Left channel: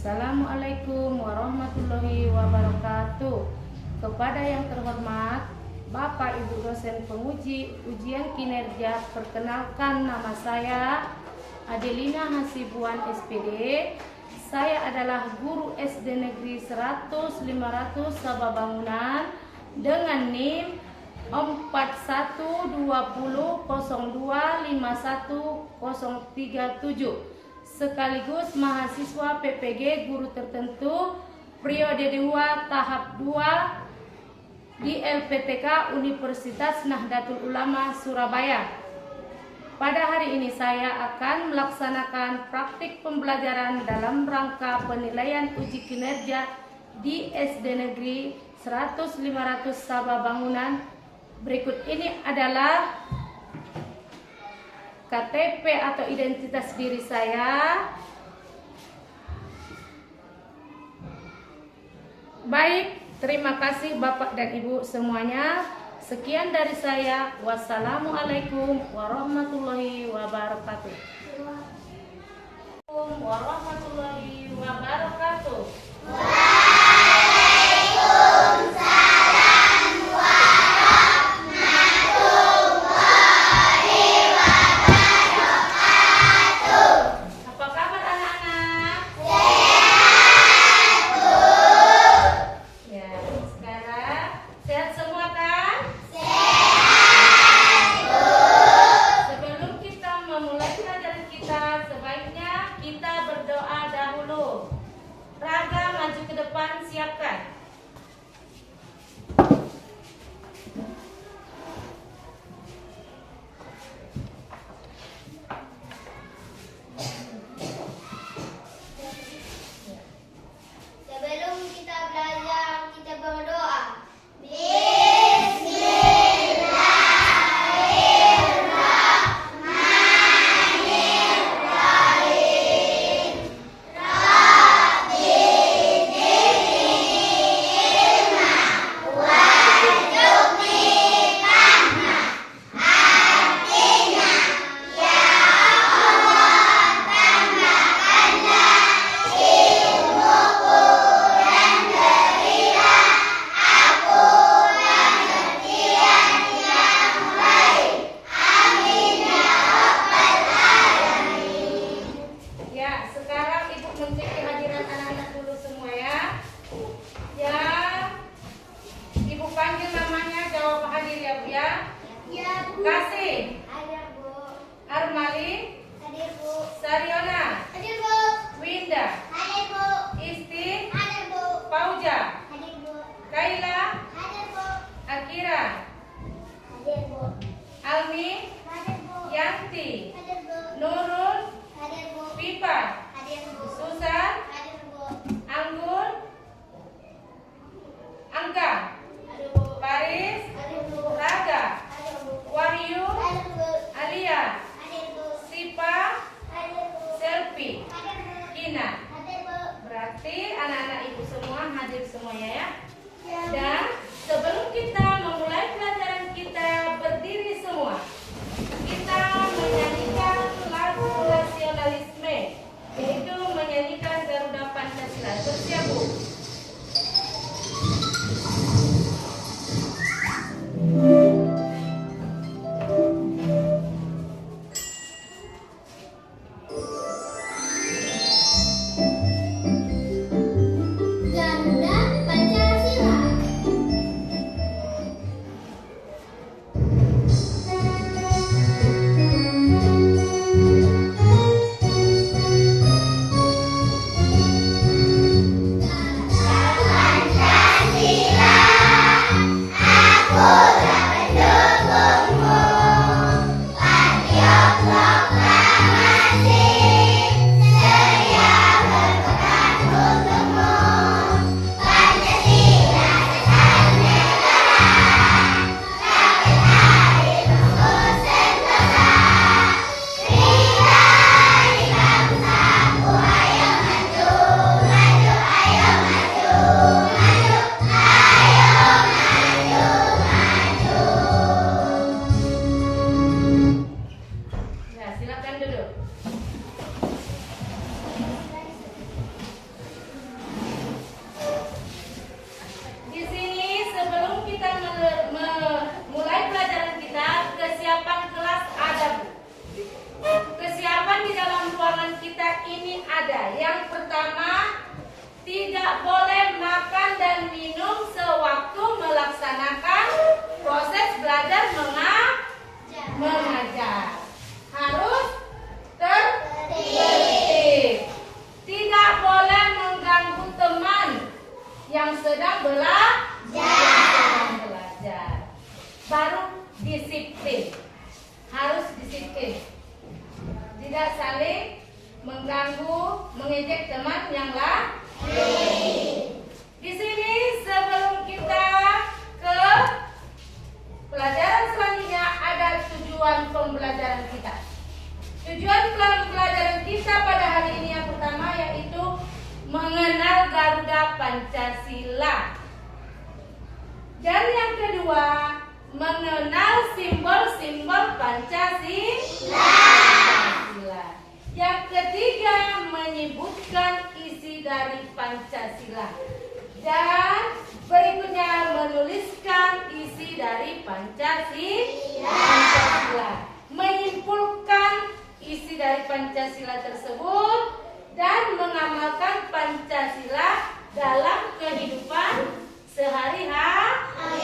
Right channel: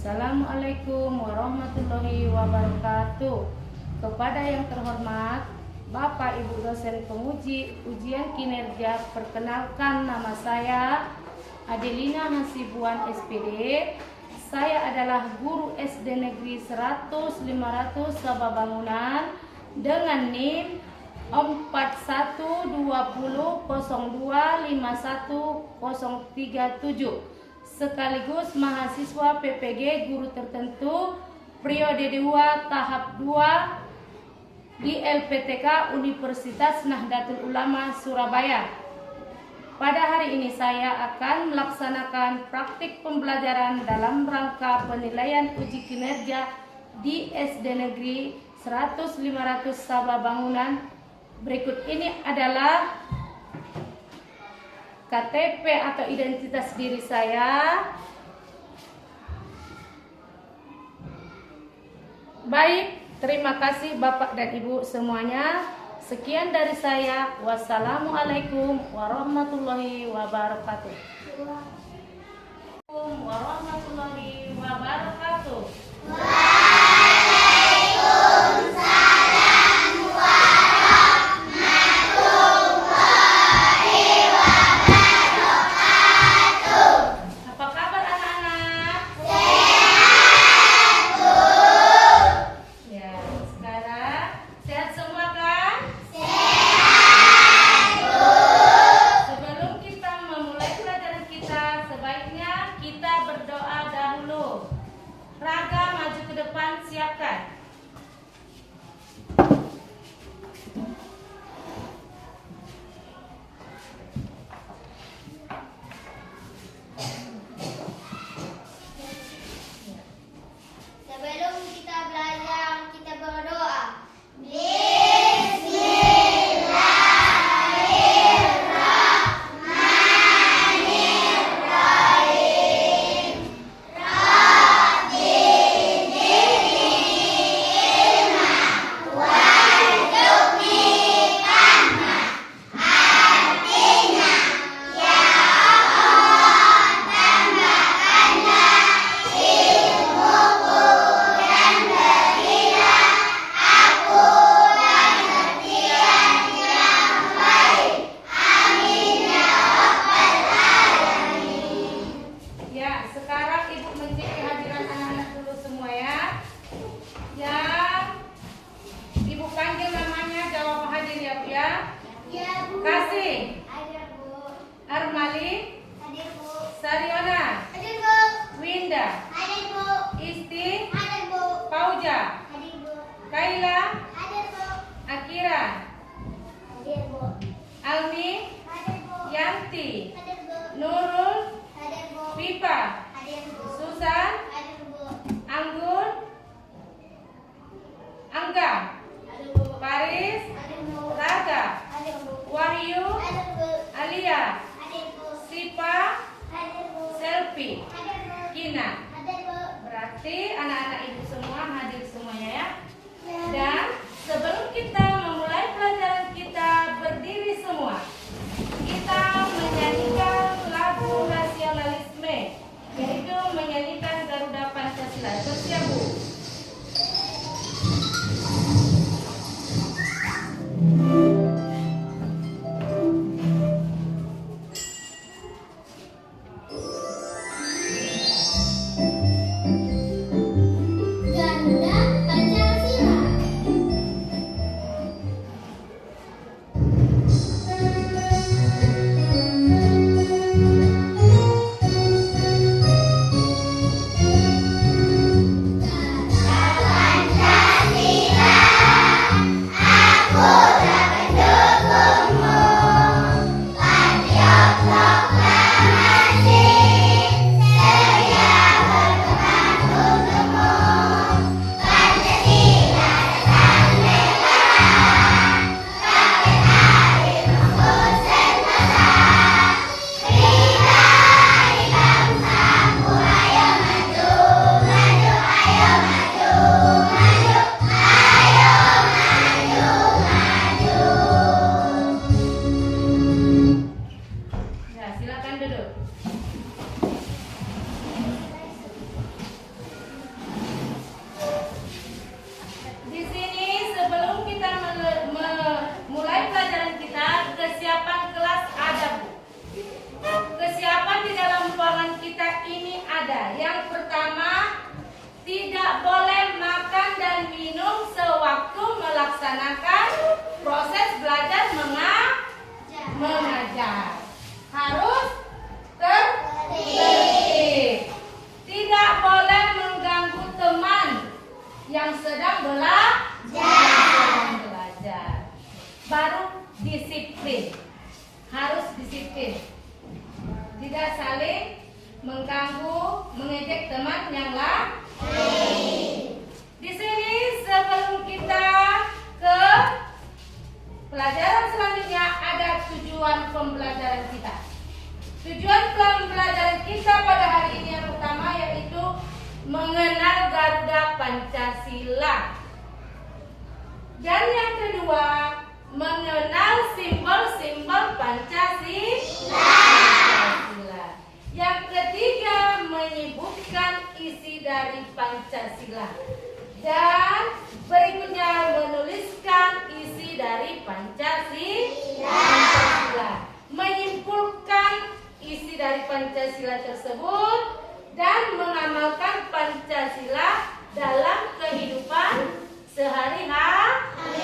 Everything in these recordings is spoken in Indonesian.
Assalamualaikum warahmatullahi wabarakatuh. Kepada yang terhormat Bapak Ibu dosen penguji ujian kinerja, perkenalkan nama saya Adelina Hasibuan SPD. Saya adalah guru SD Negeri 100 500 Sabah Bangunan dengan NIM 4120025137, sekaligus mahasiswa PPG guru tertentu periode 2 tahap 2 di LPTK Universitas Nahdlatul Ulama Surabaya. Pada hari ini saya akan melaksanakan praktik pembelajaran dalam rangka penilaian uji kinerja di SD Negeri 100 500 Sabah Bangunan. Berikut ini adalah KTP atau identitas diri saya. Baik, terima kasih Bapak dan Ibu semuanya. Sekian dari saya. Wassalamualaikum warahmatullahi wabarakatuh. Warahmatullahi wabarakatuh. Kasih. Ada, Bu. Armali. Ada, Bu. Sariona. Ada, Bu. Winda. Ada, Bu. Isti. Ada, Bu. Pauja. Ada, Bu. Kaila. Ada, Bu. Akira. Ada, Bu. Almi. Ada, Bu. Yanti. Ada, Bu. Nurul. Ada, Bu. Pipa. Ada, Bu. Susan. Ada, Bu. Anggun. Angga. Ada, Bu. Paris. Ada, Bu. Raga. Wahyu, Alia, Sipa, Selfie, Kina. Berarti anak-anak ibu semua hadir semuanya ya. Dan sebelum kita memulai pelajaran kita, berdiri semua. Kita menyanyikan lagu nasionalisme, yaitu menyanyikan Garuda Pancasila. Bersiap, Bu. Garuda Pancasila. Yang pertama, tidak boleh makan dan minum sewaktu melaksanakan proses belajar mengajar. Harus tertib. Tidak boleh mengganggu teman yang sedang belajar. Baru disiplin. Harus disiplin. Tidak saling mengganggu, mengejek teman yang lain. Di sini sebelum kita ke pelajaran selanjutnya ada tujuan pembelajaran kita. Tujuan pembelajaran kita pada hari ini yang pertama yaitu mengenal Garuda Pancasila. Dan yang kedua, mengenal simbol-simbol Pancasila. Yang ketiga, menyebutkan isi dari Pancasila. Dan berikutnya menuliskan isi dari Pancasila. Menyimpulkan isi dari Pancasila tersebut dan mengamalkan Pancasila dalam kehidupan sehari-hari.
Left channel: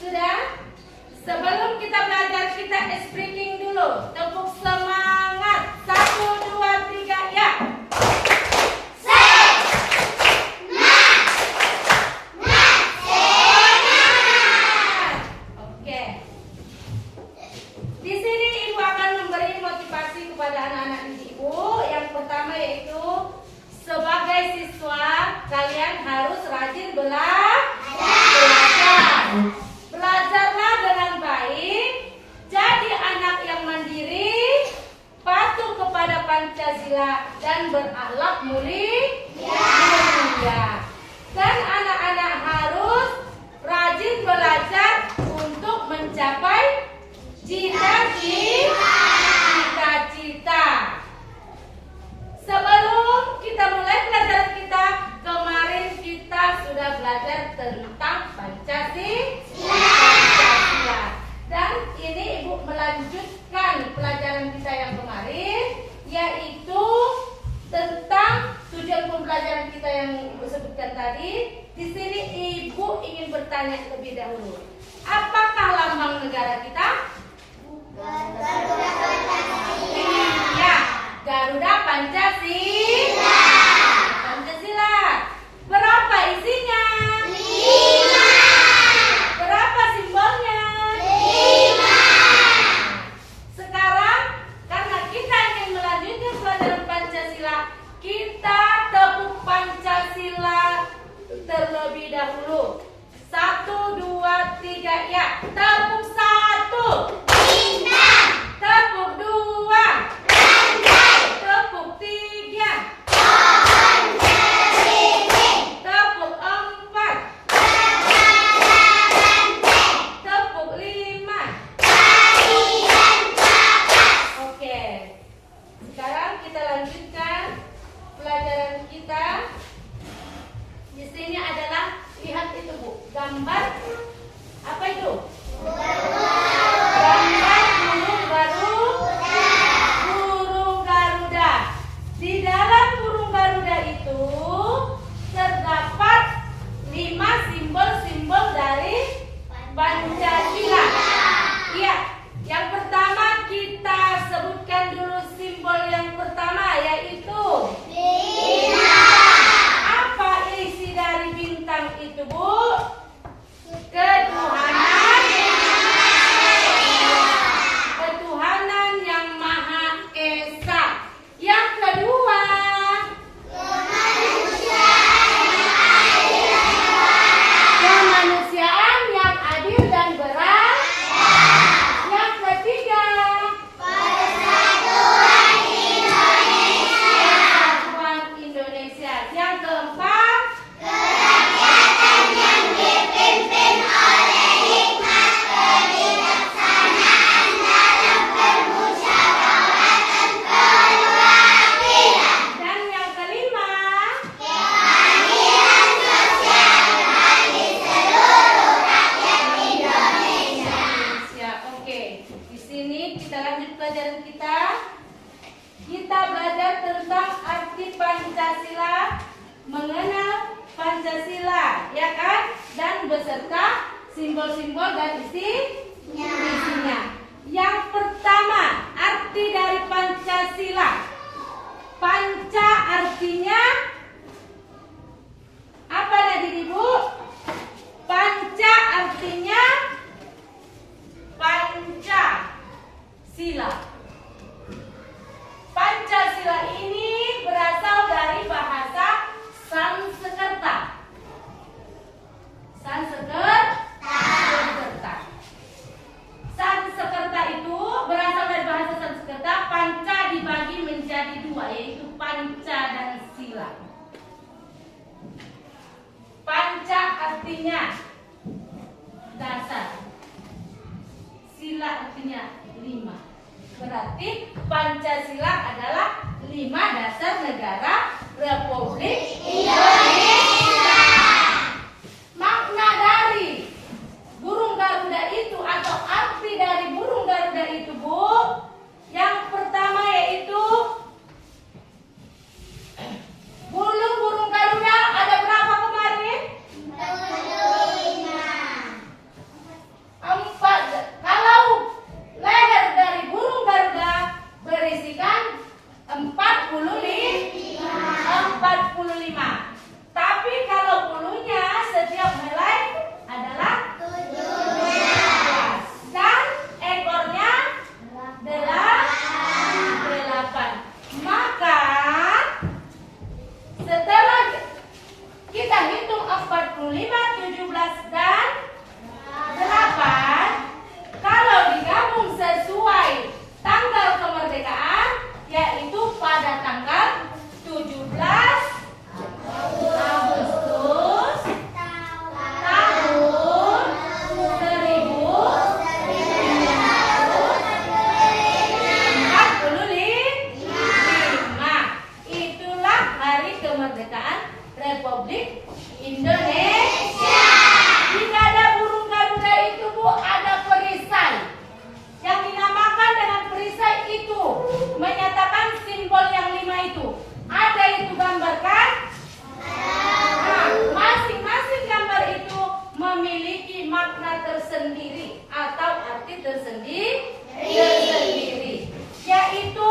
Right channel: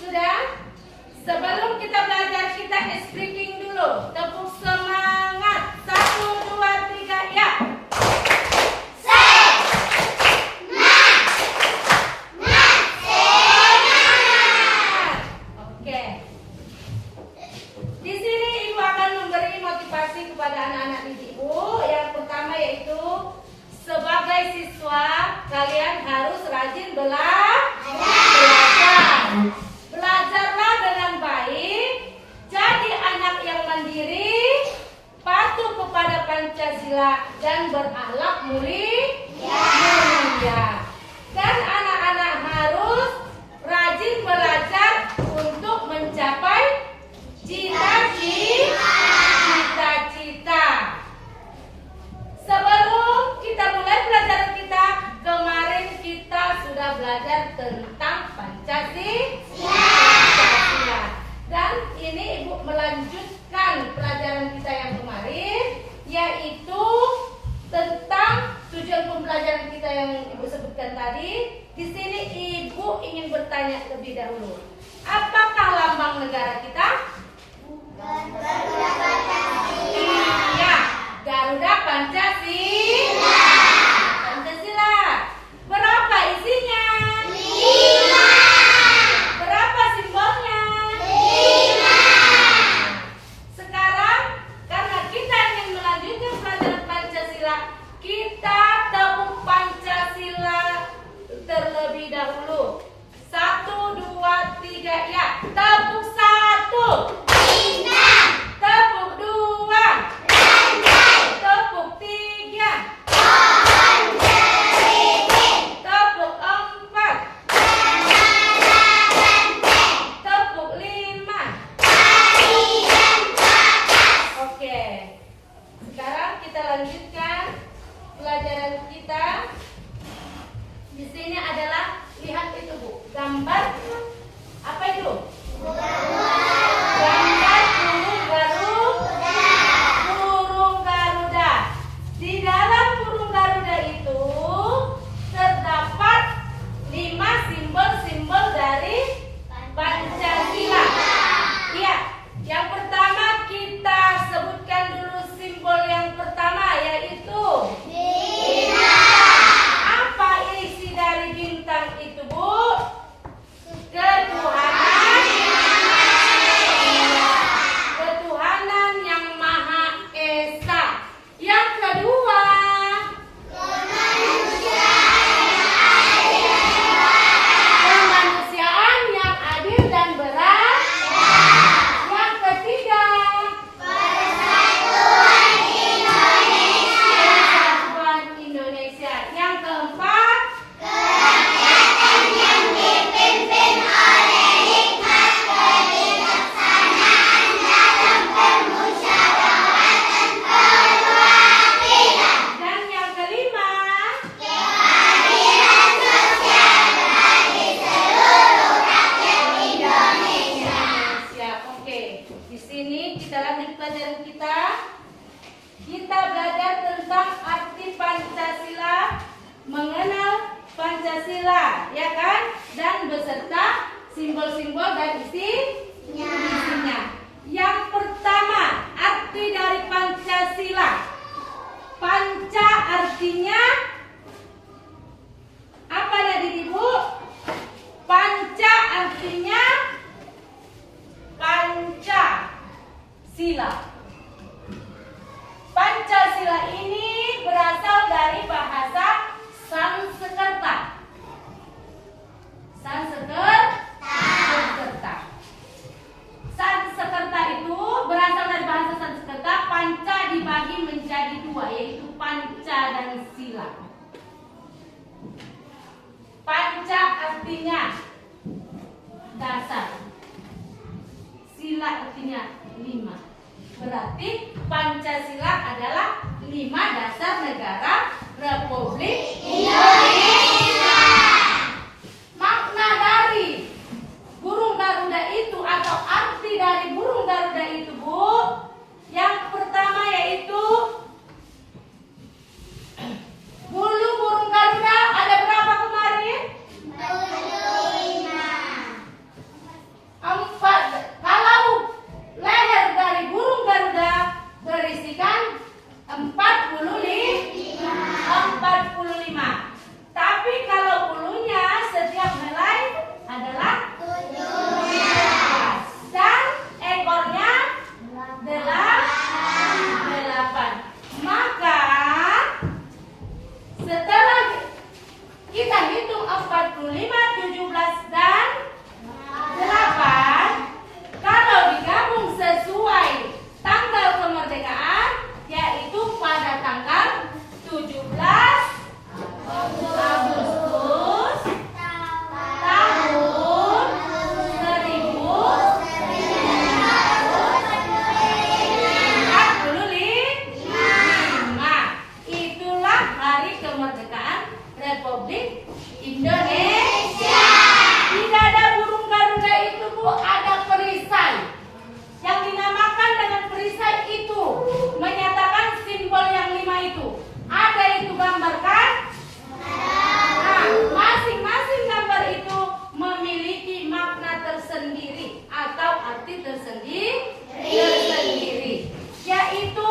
Sudah? Sebelum kita belajar, kita speaking dulu. Tepuk semangat. 1, 2, 3, ya. Oke. Di sini Ibu akan memberi motivasi kepada anak-anak didik Ibu. Yang pertama yaitu sebagai siswa kalian harus rajin belajar. Belajarlah dengan baik, jadi anak yang mandiri, patuh kepada Pancasila dan berakhlak mulia. Dan anak-anak harus rajin belajar untuk mencapai cita-cita. Sebelum kita mulai pelajaran kita, kemarin kita sudah belajar tentang Pancasila. Dan ini Ibu melanjutkan pelajaran kita yang kemarin, yaitu tentang tujuan pembelajaran kita yang Ibu sebutkan tadi. Di sini Ibu ingin bertanya lebih dahulu. Apakah lambang negara kita? Garuda Pancasila. Iya, Garuda Pancasila. Berapa isinya? 5. Berapa simbolnya? 5. Sekarang karena kita ingin melanjutkan pelajaran Pancasila, kita tepuk Pancasila terlebih dahulu. 1, 2, 3, ya. Tepuk 1. Bintang. Tepuk 2. Rantai. Tepuk 3. Pohon beriring. Tepuk 4. Tepuk 5. Tarian bakas. Oke. Sekarang kita lanjutkan pelajaran kita. Di sini adalah, lihat itu Bu, gambar apa itu? Gambar burung Garuda. Di dalam burung Garuda itu terdapat 5 simbol-simbol dari Pancasila. Iya, yang pertama kita sebutkan dulu simbol yang pertama yaitu bintang. Apa isi dari bintang itu Bu? kan? Dan beserta simbol-simbol dan isinya. Yang pertama, arti dari Pancasila. Panca artinya apa tadi Ibu? Panca artinya Pancasila. Pancasila ini berasal dari bahasa Sanskerta. Sanskerta itu berasal dari bahasa Sanskerta. Panca dibagi menjadi dua, yaitu panca dan sila. Panca artinya dasar, sila artinya 5. Berarti Pancasila adalah 5 dasar negara Republik Indonesia. Makna dari burung Garuda itu atau arti dari burung Garuda itu, Bu, yang pertama yaitu bulu burung Garuda ada berapa kemarin? 4. Kalau leher dari burung Garuda berisikan 45. Tapi kalau bulunya setiap helai adalah 17. Dan ekornya 8. Maka setelah kita hitung 45, 17 dan 8, kalau digabung sesuai tanggal kemerdekaan, yaitu pada tanggal 17 Agustus tahun 1945. Itulah hari kemerdekaan Republik Indonesia. Di dada burung Garuda itu, Bu, ada perisai yang dinamakan dengan perisai itu, menyatakan simbol yang 5 itu. Ada itu gambarkan? Nah, masing-masing gambar itu memiliki makna tersendiri atau arti tersendiri. Yaitu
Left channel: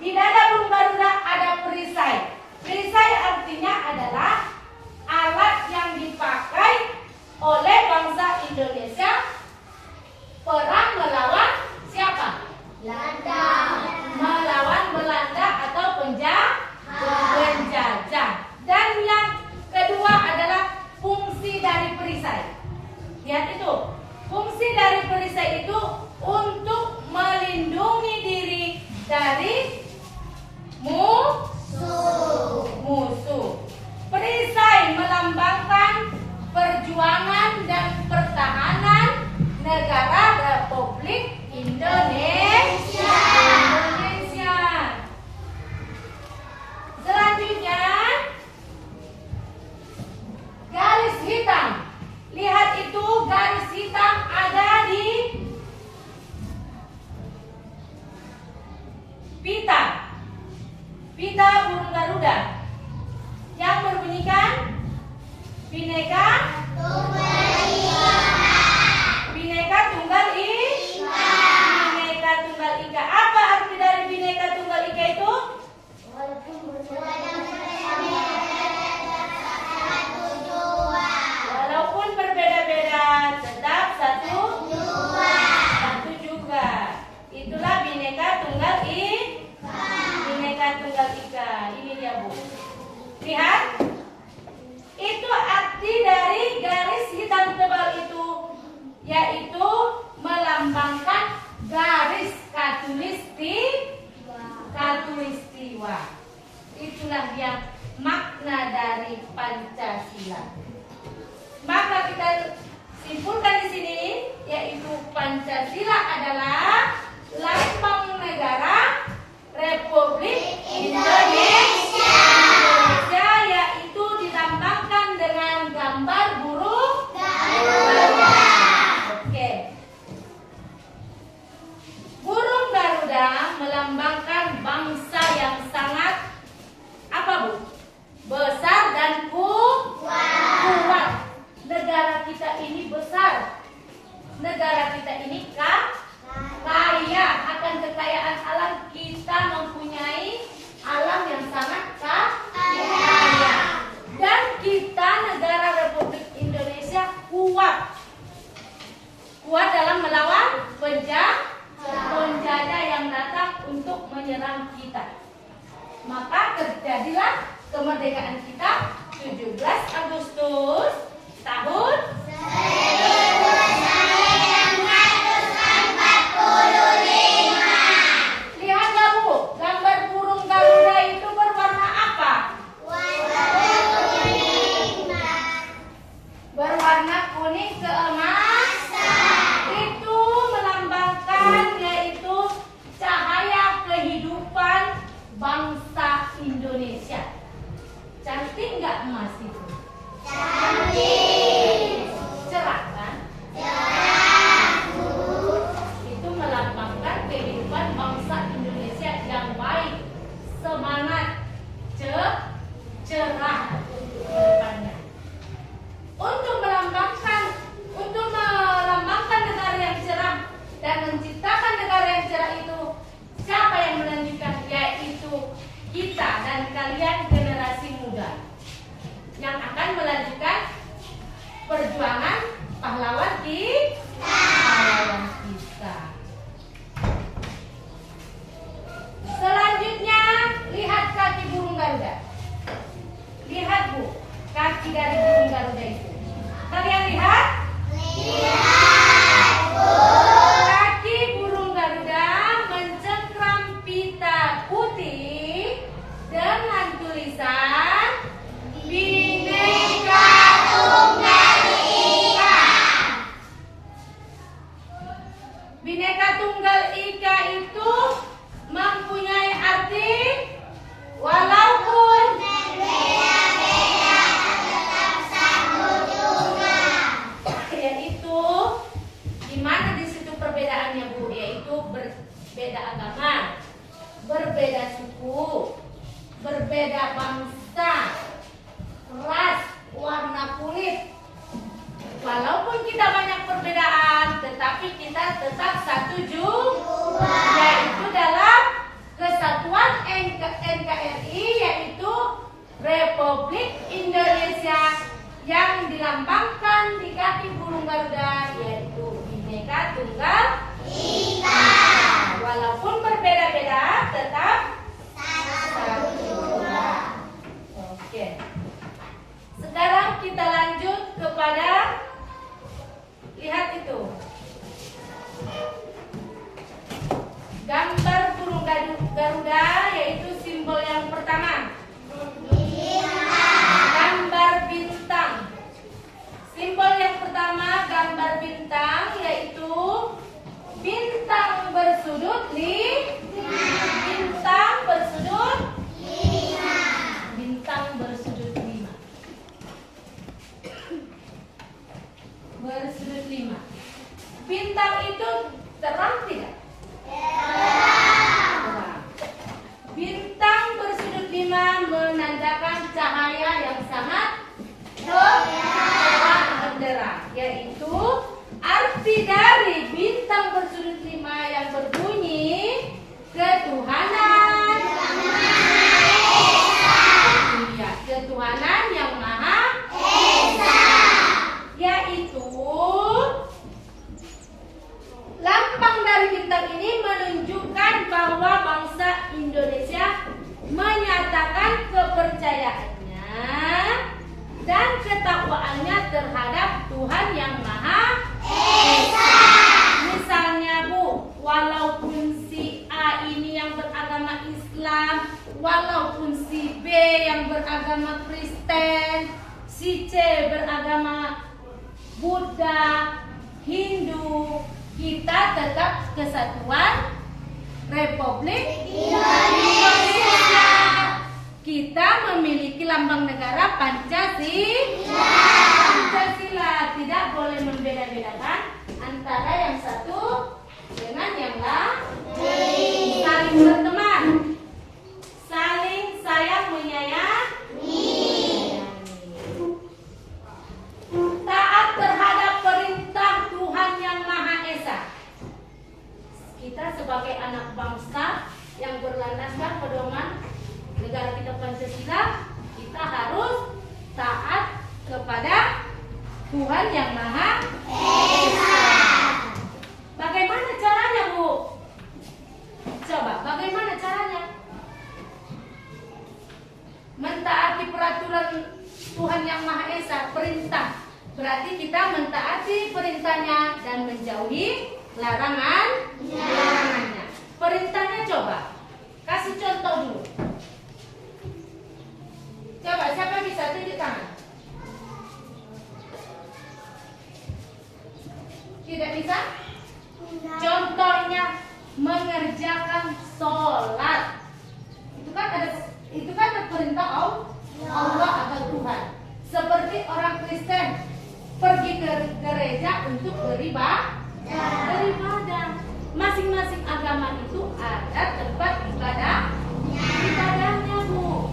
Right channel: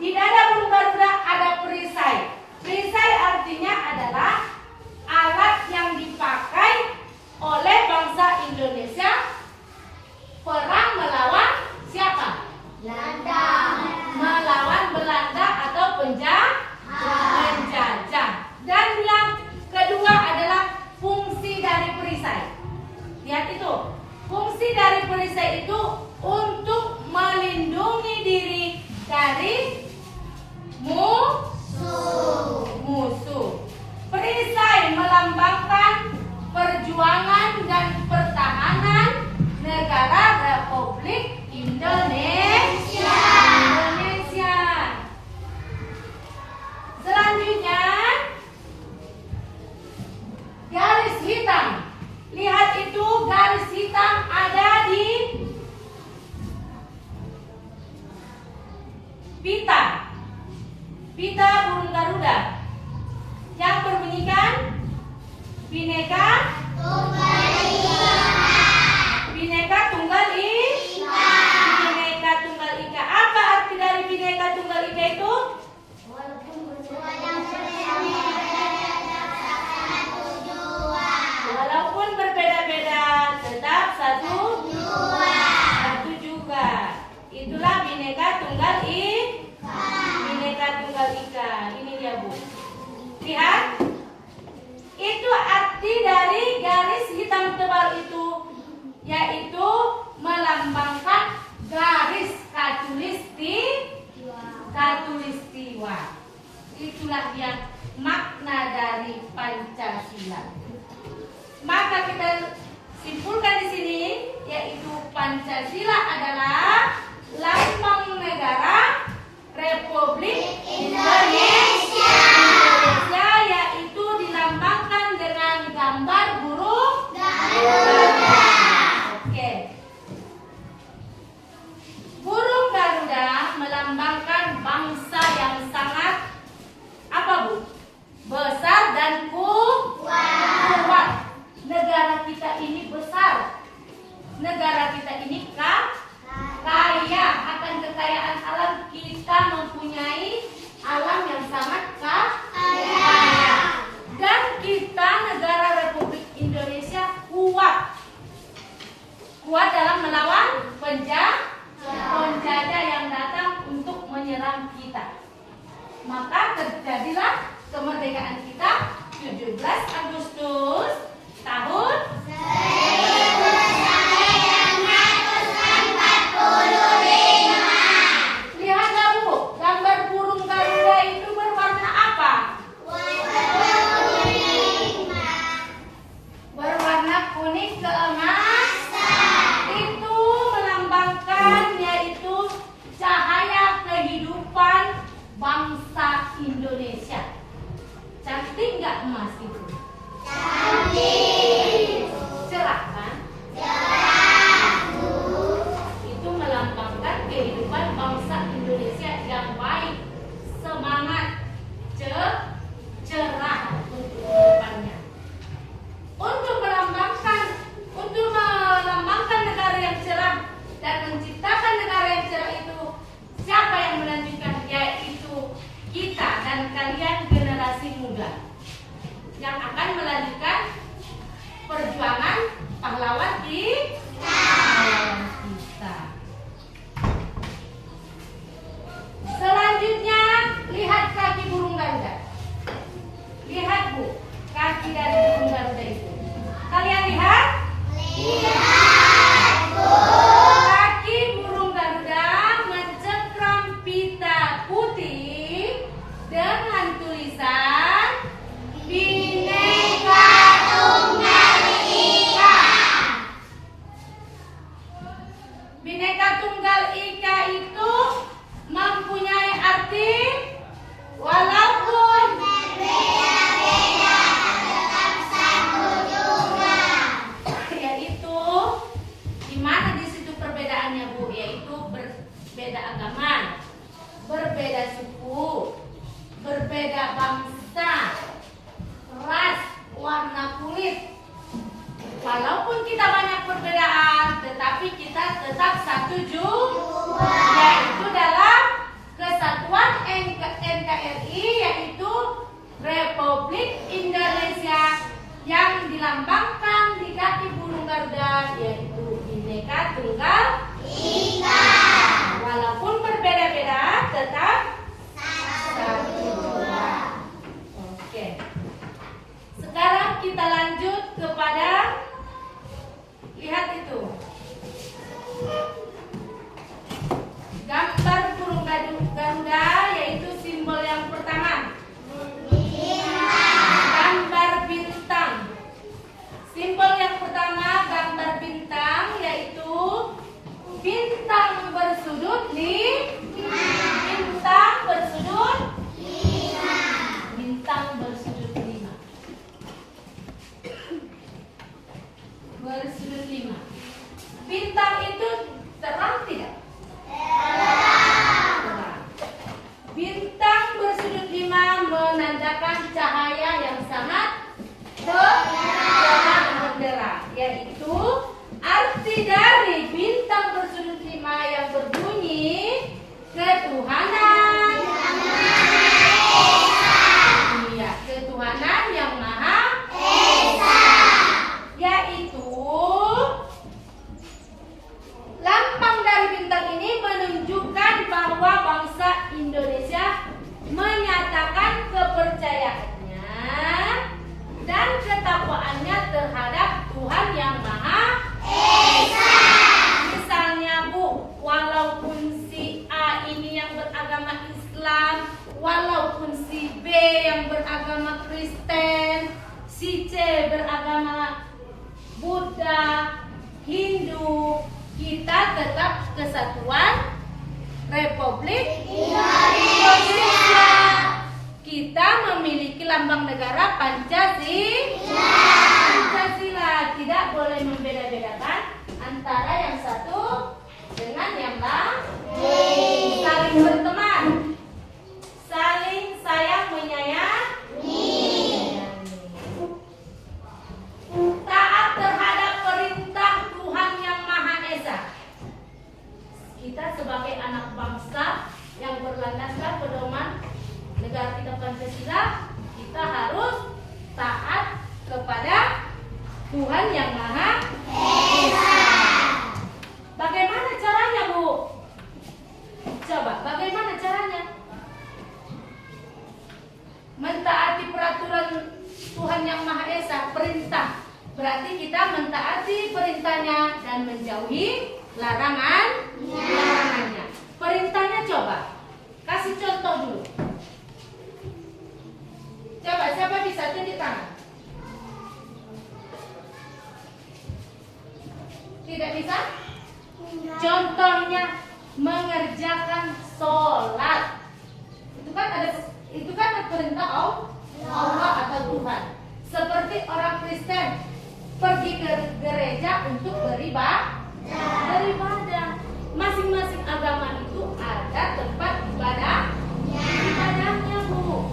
di dada burung Garuda ada perisai. Perisai artinya adalah alat yang dipakai oleh bangsa Indonesia perang melawan siapa? Belanda. Melawan Belanda atau penjajah. Dan yang kedua adalah fungsi dari perisai. Lihat itu. Fungsi dari perisai itu untuk melindungi diri dari musuh. Perisai melambangkan perjuangan dan pertahanan negara Republik Indonesia. Selanjutnya, garis hitam. Lihat itu, garis hitam ada di pita burung Garuda yang berbunyikan Bhinneka Tunggal Ika. Bhinneka Tunggal Ika. Apa arti dari Bhinneka Tunggal Ika itu? Walaupun berbeda-beda, tetap satu juga. Itulah Bhinneka Tunggal Ika. Ini dia, Bu. Lihat. Itu arti dari garis hitam tebal itu, yaitu melambangkan garis katulistiwa. Itulah yang negara kita ini kaya akan kekayaan alam. Kita mempunyai alam yang sangat kaya. Dan kita negara Republik Indonesia kuat dalam melawan penjajah yang datang untuk menyerang kita. Maka terjadilah kemerdekaan kita 17 Agustus tahun 1945. Lihat nggak Bu, gambar burung Garuda itu berwarna apa? Berwarna kuning keemasan. Itu melambangkan yaitu cahaya kehidupan bangsa Indonesia. Cantik nggak emas itu? Cantik. Cerah kan? Cerah. Itu melambangkan kehidupan bangsa Indonesia yang baik, semangat, cerah untuk kehidupannya. Untuk melambangkan negara yang cerah dan menciptakan negara yang cerah itu, siapa yang melanjutkan? Yaitu kita dan kalian generasi muda yang akan melanjutkan perjuangan pahlawan kita. Selanjutnya, lihat kaki burung Garuda. Lihat Bu, kaki dari burung Garuda itu. Kalian lihat? Lihat Bu. Kaki burung Garuda mencengkram pita putih dengan tulisan Bhinneka Tunggal Ika. Bhinneka Tunggal Ika itu mempunyai arti walaupun berbeda-beda tetap satu tujuan. Yaitu di mana di situ perbedaannya Bu? Yaitu berbeda agama, berbeda suku, berbeda bangsa, ras, warna kulit. Walaupun kita banyak perbedaan, tetapi kita tetap satu juga, yaitu dalam kesatuan NKRI, yaitu Republik Indonesia yang dilambangkan di kaki burung Garuda, yaitu Bhinneka Tunggal Ika. Walaupun berbeda-beda, tetap satu juga. Oke. Sekarang kita lanjut kepada, lihat itu, gambar burung Garuda, yaitu simbol yang pertama. Gambar bintang. Simbol yang pertama gambar bintang, yaitu bintang bersudut bintang bersudut 5. Bintang bersudut 5. Bersudut 5. Bintang itu terang tidak? Terang. Bintang bersudut 5 menandakan cahaya yang sangat terang, yaitu arti dari bintang bersudut 5 yang berbunyi ketuhanan. Iya, ketuhanan yang Maha Esa. Yaitu lambang dari bintang ini menunjukkan bahwa bangsa Indonesia menyatakan kepercayaannya dan ketakwaannya terhadap Tuhan yang Maha Esa. Misalnya Bu, walaupun si A ini yang beragama Islam, walaupun si B yang beragama Kristen, si C beragama Buddha, Hindu, kita tetap kesatuan Republik Indonesia. Kita memiliki lambang negara Pancasila. Tidak boleh membeda-bedakan antara yang satu dengan yang lain. Saling berteman, saling sayang menyayangi, taat terhadap perintah Tuhan yang Maha Tuhan yang Maha Esa. Bagaimana caranya, Bu? Coba, bagaimana caranya? Mentaati peraturan Tuhan yang Maha Esa, perintah. Berarti kita mentaati perintahnya dan menjauhi larangannya. Perintahnya coba, kasih contoh dulu. Coba, siapa bisa tunjuk tangan? Tidak bisa? Contohnya mengerjakan sholat. Itu kan perintah Allah atau Tuhan. Seperti orang Kristen pergi ke gereja untuk beribadah. Masing-masing agama itu ada tempat ibadahnya, Bu.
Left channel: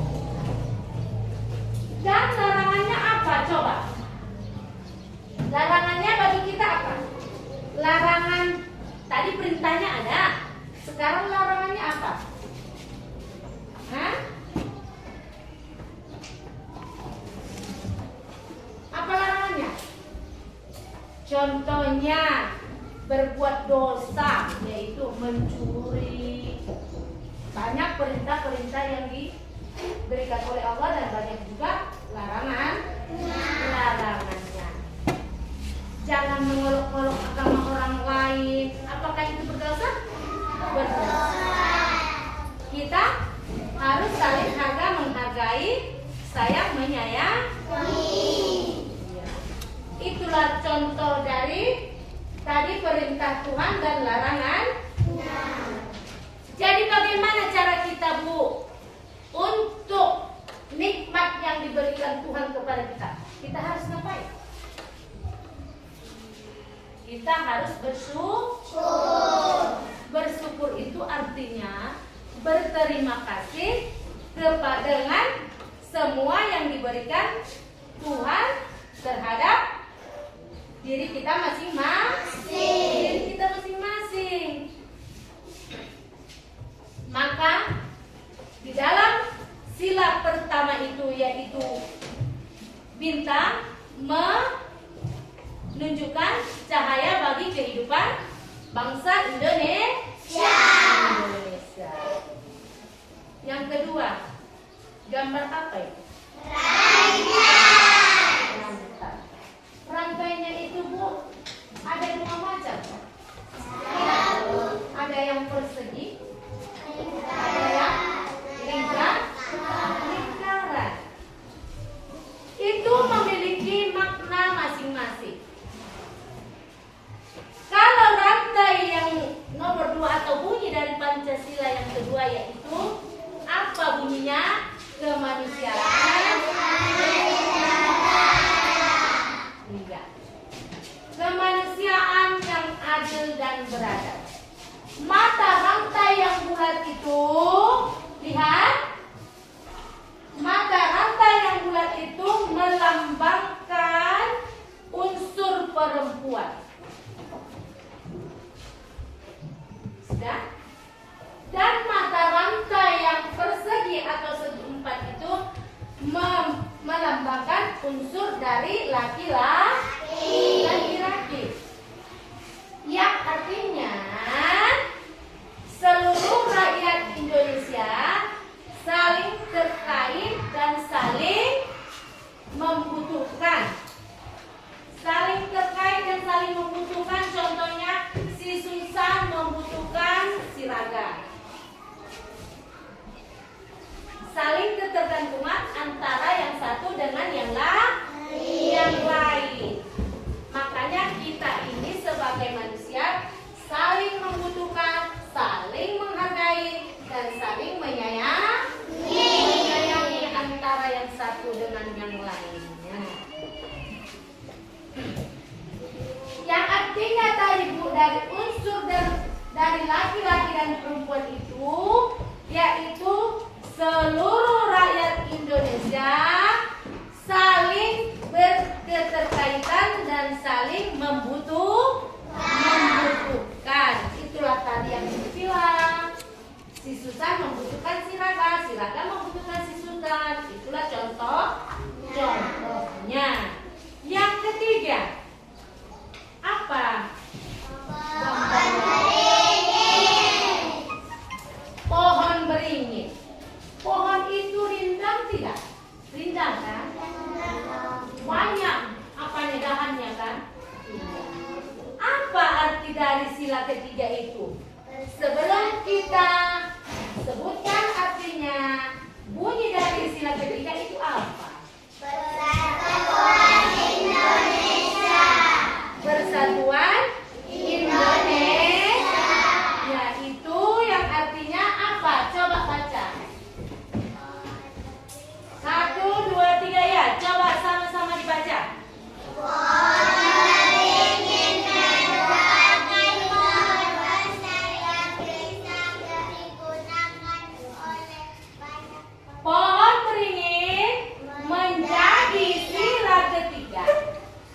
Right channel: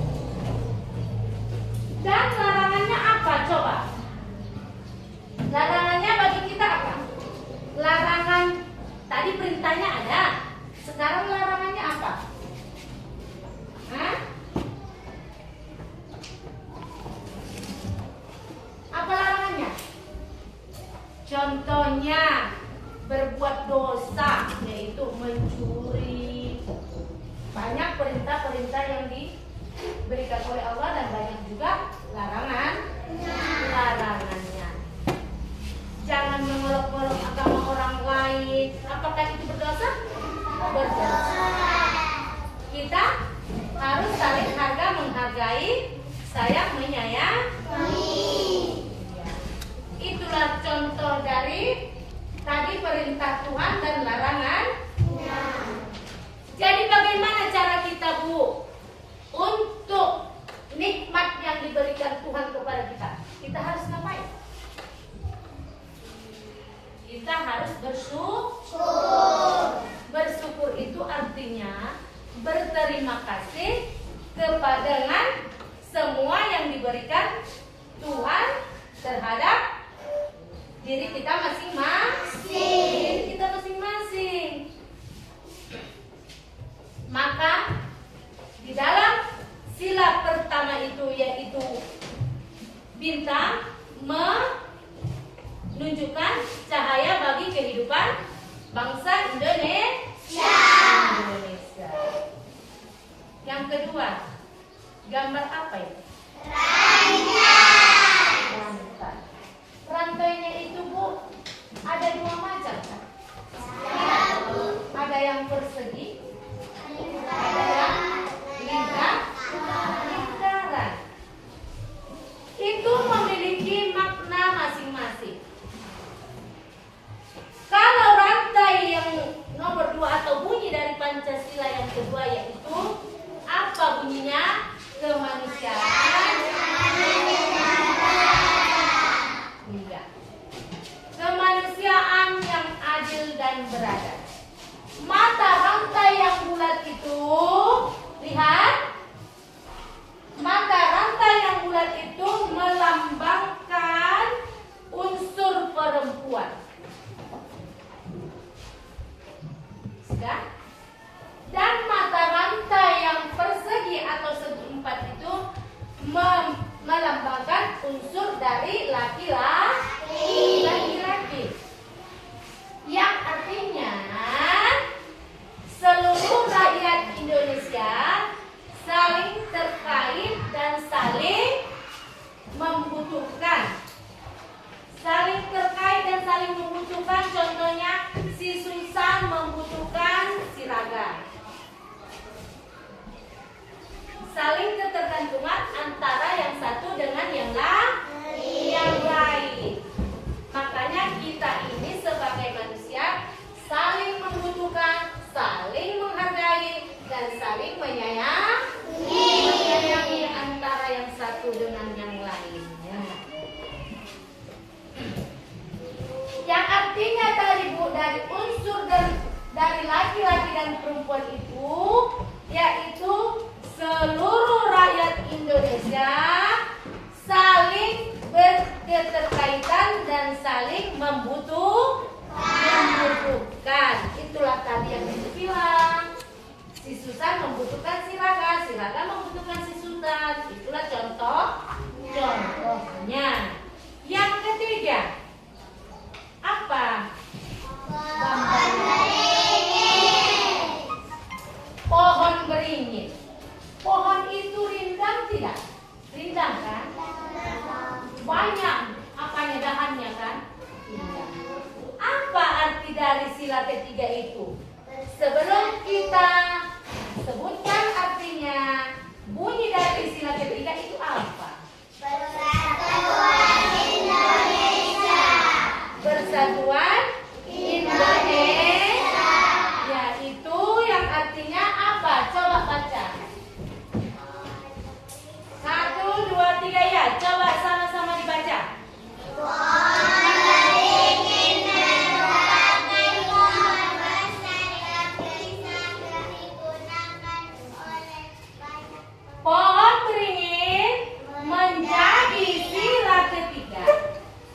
Dan larangannya apa coba? Larangannya bagi kita apa? Larangan tadi perintahnya ada. Sekarang larangannya apa? Hah? Apa larangannya? Contohnya berbuat dosa, yaitu mencuri. Banyak perintah-perintah yang diberikan oleh Allah dan banyak juga larangannya. Jangan mengolok-olok agama orang lain. Apakah itu berdosa? Berdosa. Kita harus saling menghargai, sayang menyayangi. Ya. Itulah contoh dari tadi perintah Tuhan dan larangan. Jadi bagaimana cara kita, Bu, untuk nikmat yang diberikan Tuhan kepada kita? Kita harus ngapain? Kita harus bersyukur. Bersyukur itu artinya berterima kasih dengan semua yang diberikan Tuhan terhadap diri kita masing-masing. Maka di dalam sila pertama itu, yaitu bintang menunjukkan cahaya bagi kehidupan bangsa Indonesia. Yang kedua, gambar apa itu? Rantainya itu, Bu, ada dua macam kan? Ada yang persegi, ada yang lingkaran. Itu memiliki makna masing-masing. Kalau rantai yang nomor 2 atau bunyi dari Pancasila yang kedua, yaitu apa bunyinya? Kemanusiaan. Kemanusiaan yang adil dan beradab. Mata rantai yang bulat itu, lihat, mata rantai yang bulat itu melambangkan unsur perempuan. Sudah? Dan mata rantai yang persegi atau segi empat itu melambangkan unsur dari laki-laki. Yang artinya seluruh rakyat Indonesia saling terkait dan saling membutuhkan. Saling terkait dan saling membutuhkan, contohnya si Susan membutuhkan si Raga. Saling ketergantungan antara yang satu dengan yang lain. Makanya kita ini sebagai manusia saling membutuhkan, saling menghargai, dan saling menyayangi antara yang satu dengan yang lainnya. Yang artinya tadi, Bu, dari unsur dari laki-laki dan perempuan itu, yaitu seluruh rakyat Indonesia saling berketerkaitan dan saling membutuhkan. Itulah tadi yang dibilang. Si Susan membutuhkan si Raga membutuhkan si Susan. Itulah contohnya. Yang ketiga, ketiga. Apa? Pohon beringin. Pohon itu rindang tidak? Rindang kan? Banyak apanya dahannya kan? Apa arti dari sila ketiga itu? Sebelum kita sebutkan artinya, bunyi dari sila ketiga itu apa? Persatuan Indonesia. Persatuan Indonesia. Ya, itu yang artinya apa? Coba baca. 1, 2, 3 ya. Coba sama-sama dibaca. Pohon beringin menjadi sila ketiga.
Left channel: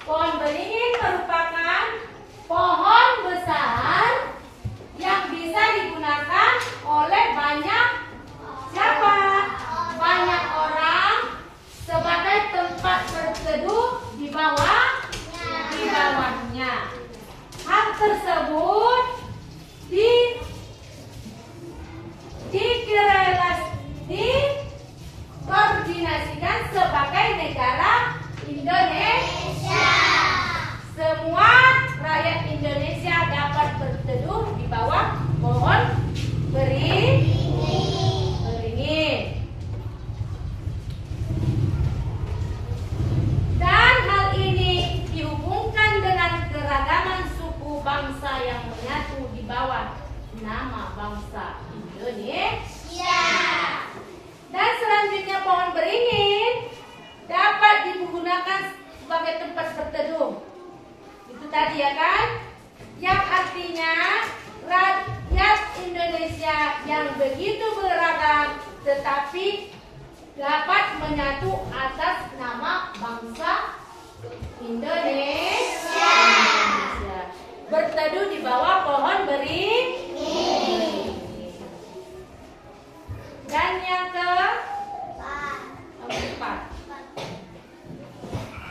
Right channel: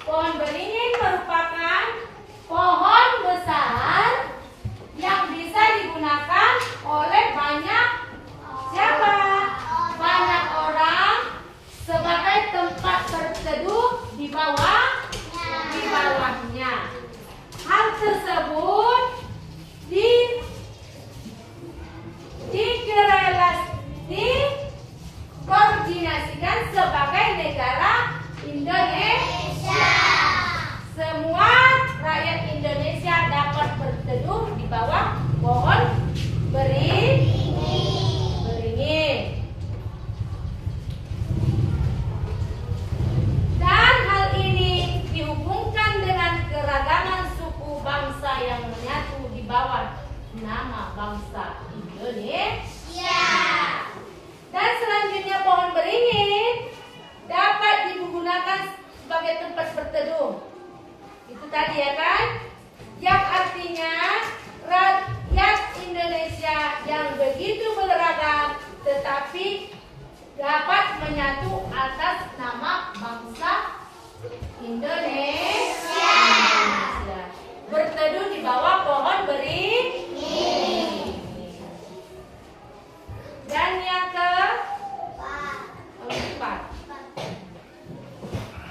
Pohon beringin merupakan pohon besar yang bisa digunakan oleh banyak siapa? Banyak orang sebagai tempat berteduh di bawahnya. Hal tersebut dikoordinasikan sebagai negara Indonesia. Semua rakyat Indonesia dapat berteduh di bawah pohon beringin. Dan hal ini dihubungkan dengan keragaman suku bangsa yang menyatu di bawah nama bangsa Indonesia. Dan selanjutnya pohon beringin dapat digunakan sebagai tempat berteduh. Itu tadi ya kan? Yang artinya rakyat Indonesia yang begitu beragam tetapi dapat menyatu atas nama bangsa Indonesia. Berteduh di bawah pohon beringin. Dan yang keempat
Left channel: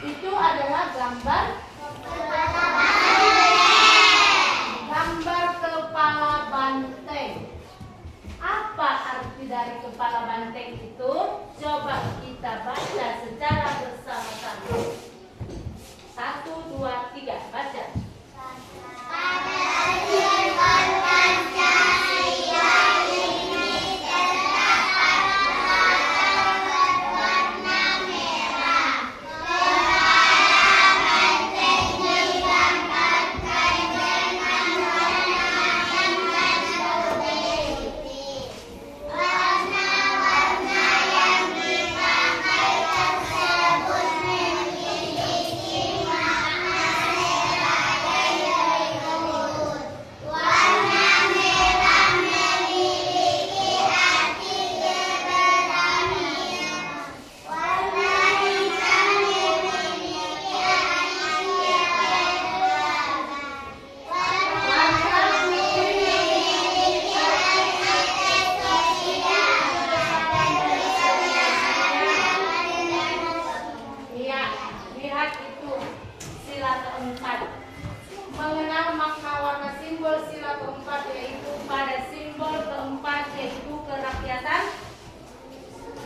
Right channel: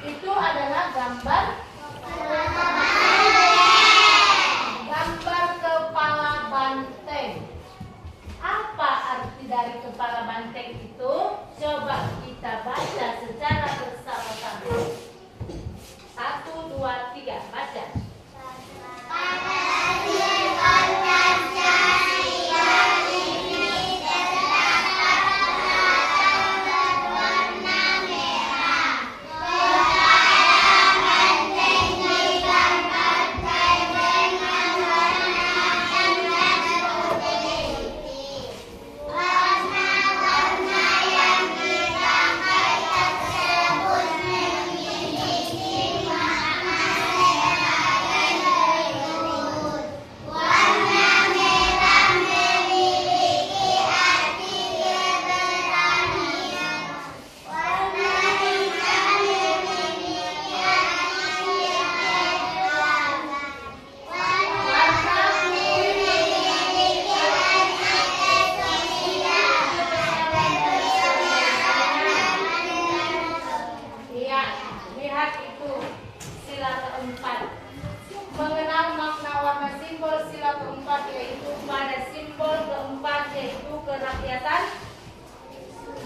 itu adalah gambar kepala banteng. Apa arti dari kepala banteng itu? Coba kita baca secara bersama-sama. 1, 2, 3, baca.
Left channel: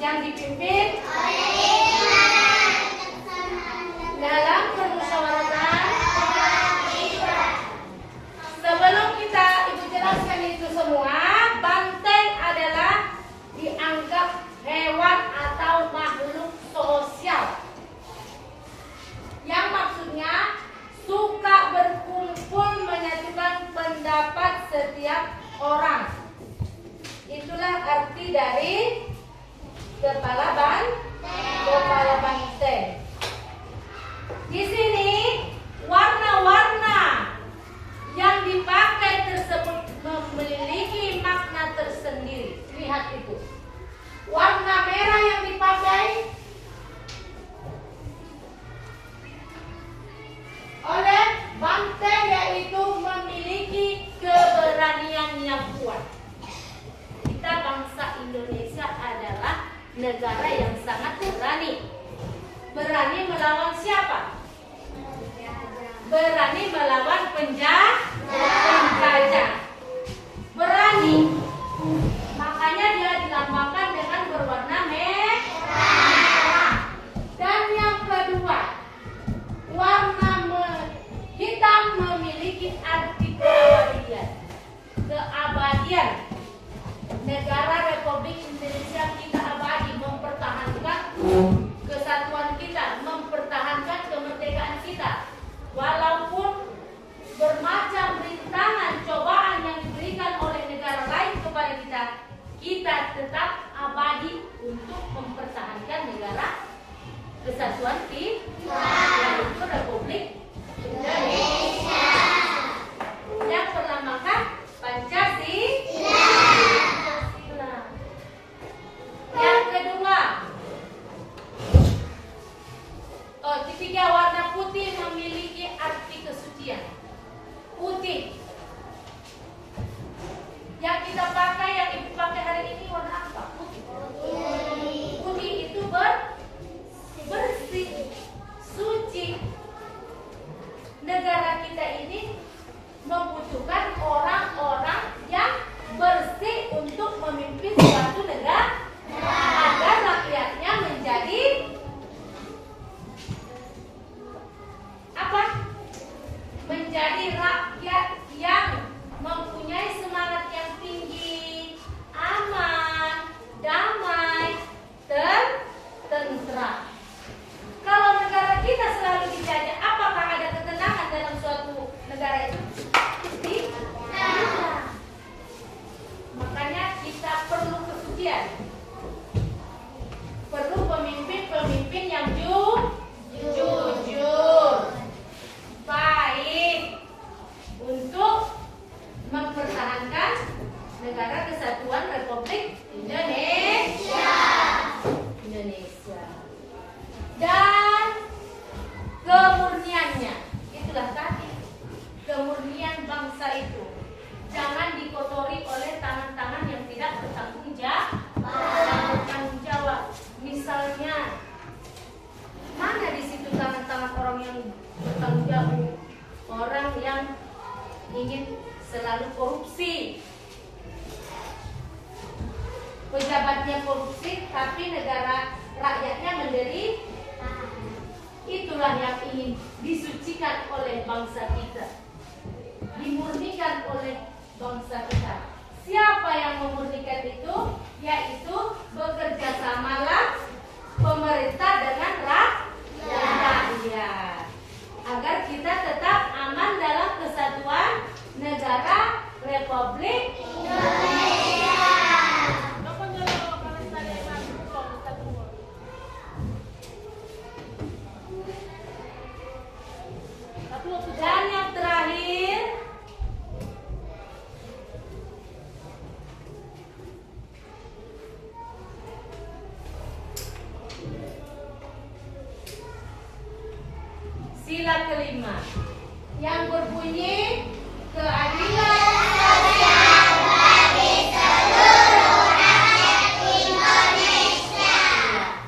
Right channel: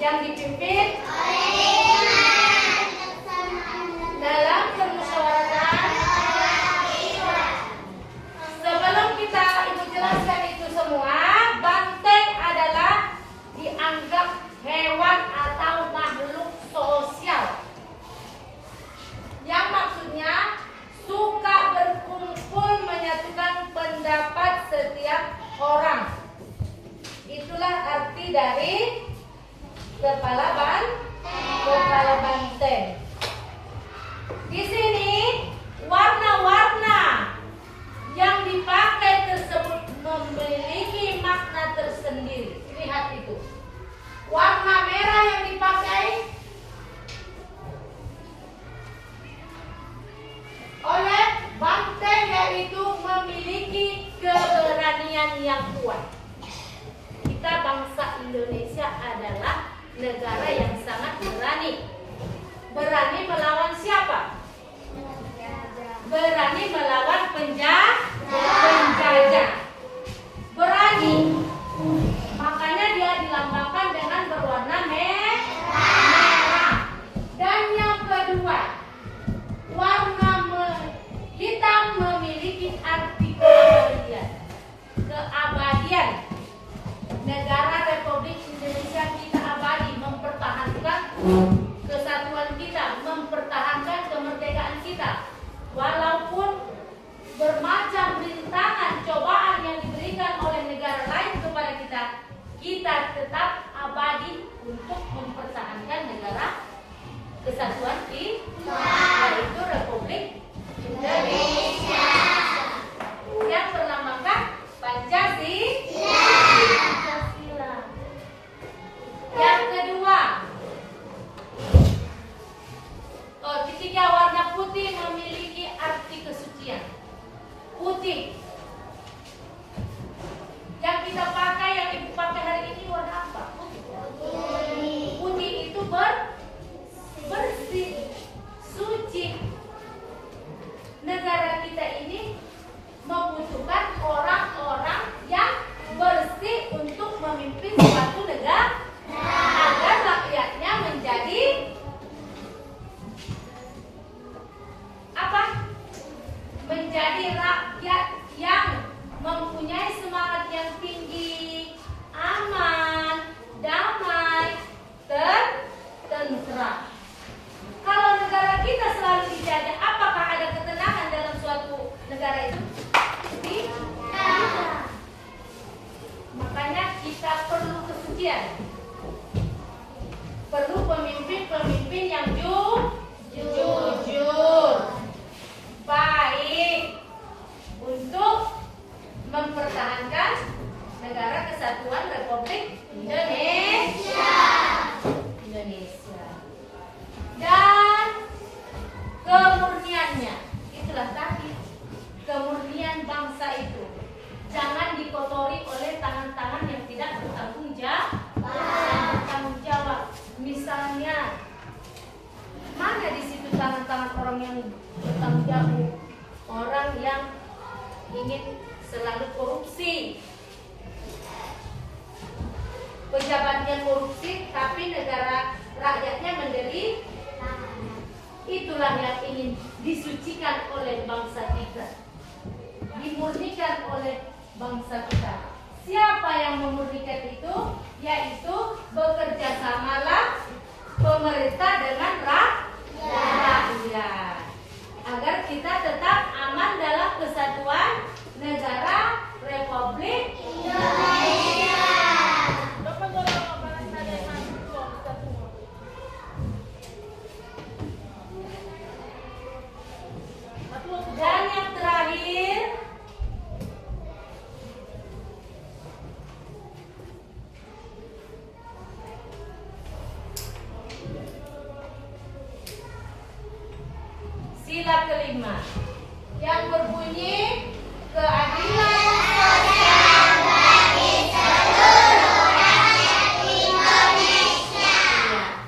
Yang dipimpin dalam permusyawaratan. Sebelum kita ibu jelaskan itu semua, banteng adalah dianggap hewan atau makhluk sosial yang maksudnya suka berkumpul menyatukan pendapat setiap orang. Itulah arti dari kepala banteng. Di sini warna-warna yang dipakai tersebut memiliki makna tersendiri. Lihat itu. Warna merah yang dipakai oleh banteng yaitu memiliki keberanian yang kuat. Kita bangsa Indonesia adalah negara yang sangat berani. Berani melawan siapa? berani melawan penjajah. Berani, makanya dia dilambangkan dengan berwarna merah. Dan yang kedua, warna hitam memiliki arti keabadian. Keabadian. Negara Republik Indonesia kita abadi, mempertahankan kesatuan kita, mempertahankan kemerdekaan kita. Walaupun bermacam rintangan, cobaan yang diberikan oleh negara lain kepada kita, kita tetap abadi untuk mempertahankan negara kesatuan kita, yaitu Republik Indonesia yang berlambangkan Pancasila. Yang kedua, ketiga, warna putih memiliki arti kesucian. Putih yang kita pakai, yang ibu pakai hari ini warna apa? Putih. Putih itu bersih, suci. Negara kita ini membutuhkan orang-orang yang bersih untuk memimpin suatu negara agar rakyatnya menjadi apa? Menjadi rakyat yang mempunyai semangat yang tinggi, aman, damai, tentram. Kalau negara kita selalu dijajah, apakah ada ketenangan dalam suatu negara itu? Tidak. Makanya kita perlu kesucian. Perlu pemimpin-pemimpin yang jujur, baik, untuk mempertahankan negara kesatuan Republik Indonesia. Dan kemurniannya, itulah tadi, kemurnian bangsa itu jangan dikotori oleh tangan-tangan yang tidak bertanggung jawab. Misalnya, mana di situ tangan-tangan orang yang bertanggung jawab? Orang yang ingin selalu korupsi, pejabatnya korupsi, tapi negara rakyatnya menderita. Itulah yang ingin disucikan oleh bangsa kita, dimurnikan oleh bangsa kita. Siapa yang memurnikan itu? Yaitu bekerja samalah pemerintah dengan rakyat, agar kita tetap aman dalam kesatuan negara Republik Indonesia. Dan yang terakhir, sila kelima yang berbunyi keadilan sosial bagi seluruh rakyat Indonesia.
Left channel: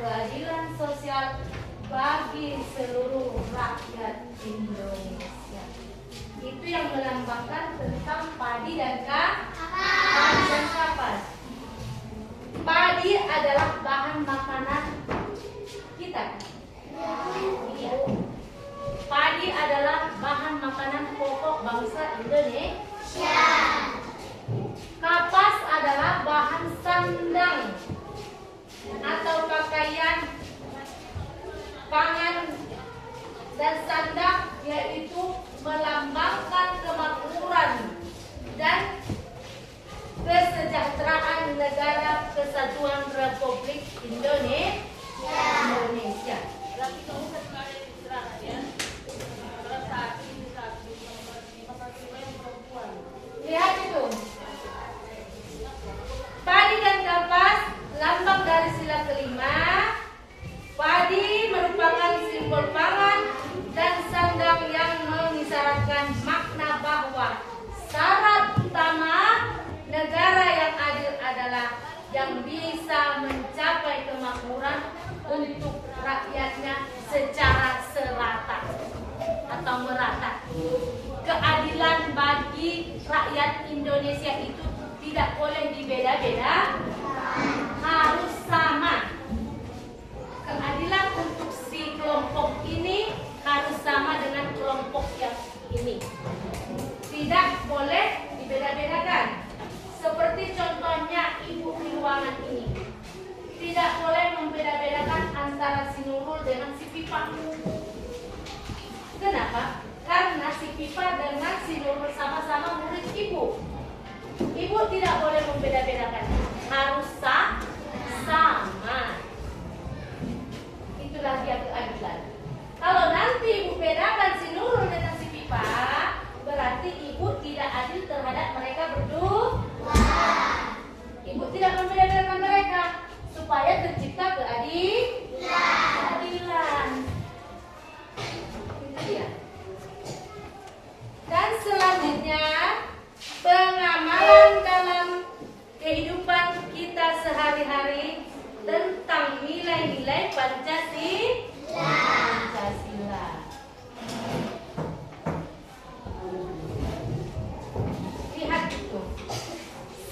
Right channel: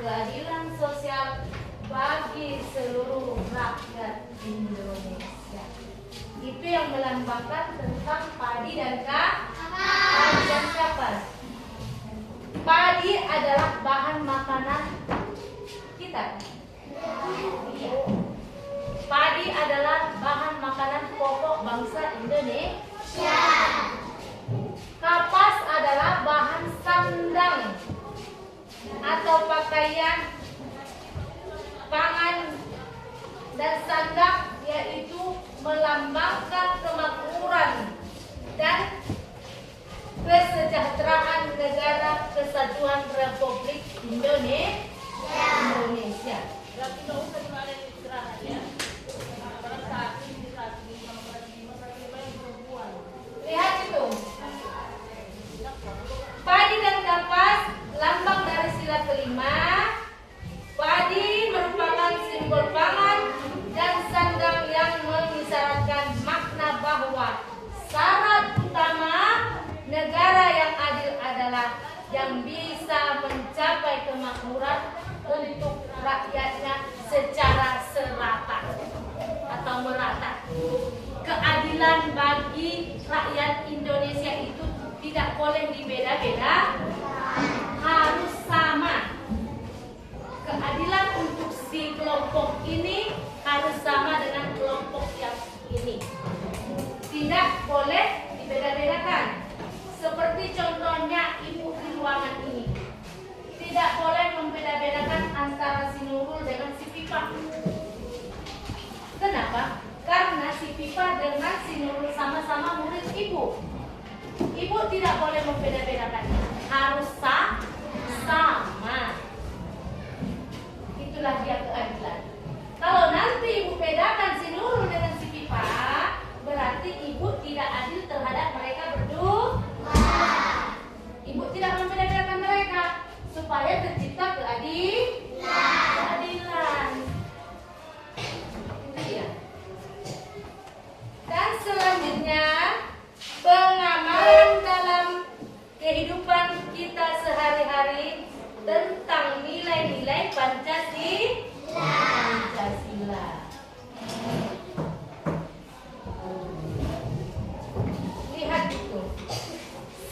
Keadilan sosial bagi seluruh rakyat Indonesia. Itu yang melambangkan tentang padi dan kapas. Padi adalah bahan makanan kita. Iya. Padi adalah bahan makanan pokok bangsa Indonesia. Kapas adalah bahan sandang atau pakaian, pangan dan sandang, yaitu melambangkan kemakmuran dan kesejahteraan negara kesatuan Republik Indonesia. Lihat itu, padi dan kapas, lambang dari sila kelima. Padi merupakan simbol pangan dan sandang yang mengisyaratkan makna bahwa syarat utama negara yang adil adalah yang bisa mencapai kemakmuran untuk rakyatnya secara serata atau merata. keadilan bagi rakyat Indonesia itu tidak boleh dibeda-beda, harus sama. Keadilan untuk si kelompok ini harus sama dengan kelompok yang ini. Tidak boleh dibeda-bedakan. Seperti contohnya ibu di ruangan ini. Tidak boleh membeda-bedakan antara si Nurul dengan si Pipa. Kenapa? Karena si Pipa dengan si Nurul sama-sama murid ibu. Ibu tidak boleh membeda-bedakan. Harus sama. Itulah dia keadilan. Kalau nanti ibu bedakan si Nurul dengan si Pipa, berarti ibu tidak adil terhadap mereka berdua. Ibu tidak membeda-bedakan mereka supaya tercipta keadilan. Itu dia. Dan selanjutnya, pengamalan dalam kehidupan kita sehari-hari tentang nilai-nilai Pancasila. Lihat itu.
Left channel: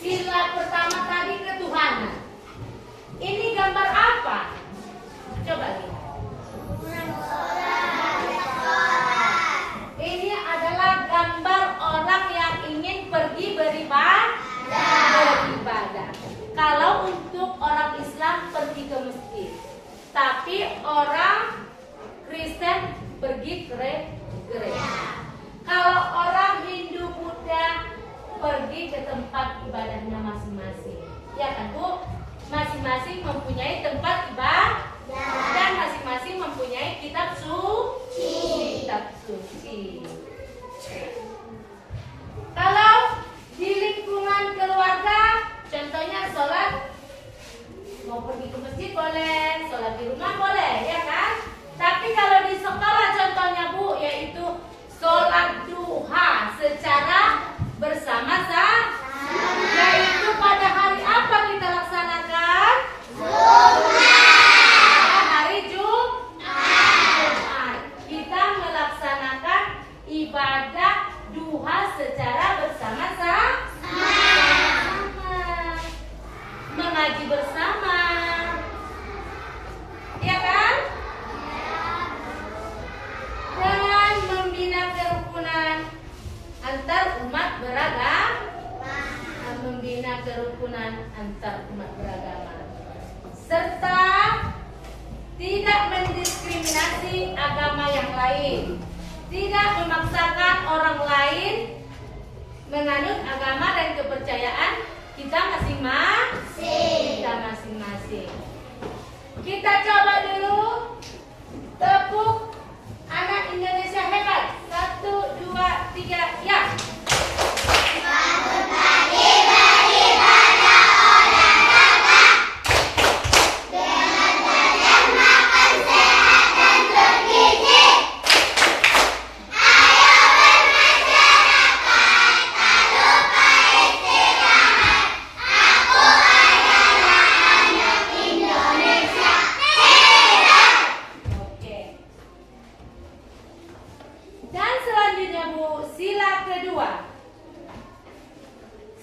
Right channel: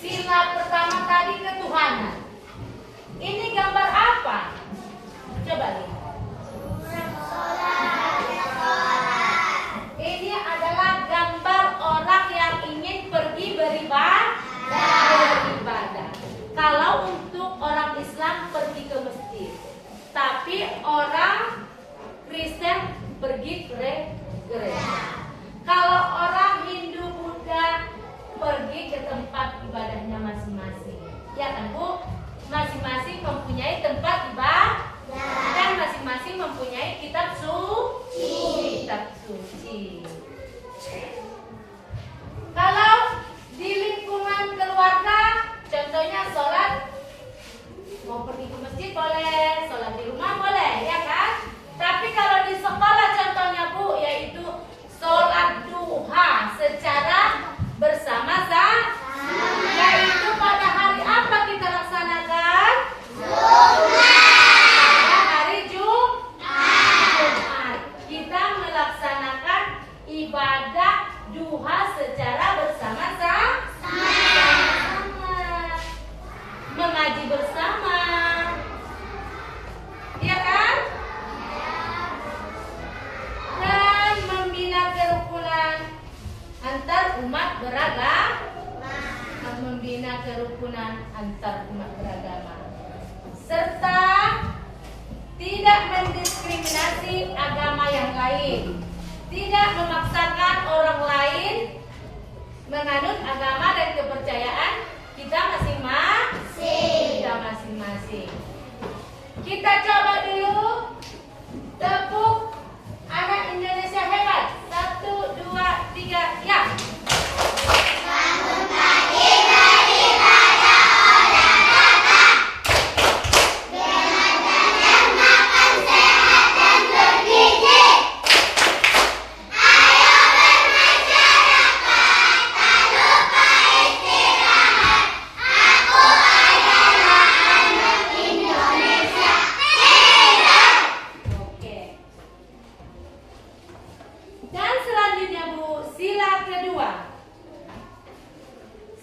Sila pertama tadi ketuhanan. Ini gambar apa? Coba lihat. Ini adalah gambar orang yang ingin pergi beribadah. Kalau untuk orang Islam pergi ke masjid, tapi orang Kristen pergi ke gereja. Kalau orang Hindu Buddha pergi ke tempat ibadahnya masing-masing. Ya kan Bu? Masing-masing mempunyai tempat ibadah dan masing-masing mempunyai kitab suci. Kalau di lingkungan keluarga, contohnya sholat, mau pergi ke masjid boleh, sholat di rumah boleh, ya kan? Tapi kalau di sekolah contohnya Bu, yaitu sholat duha secara bersama-sama, yaitu pada hari apa kita laksanakan? Hari Jumat. Kita melaksanakan ibadah duha secara bersama-sama, mengaji bersama, ya kan? Dan membina kerukunan antar umat beragama, serta tidak mendiskriminasi agama yang lain, tidak memaksakan orang lain menganut agama dan kepercayaan kita masing-masing. Kita coba dulu tepuk anak Indonesia hebat. 1, 2, 3, ya.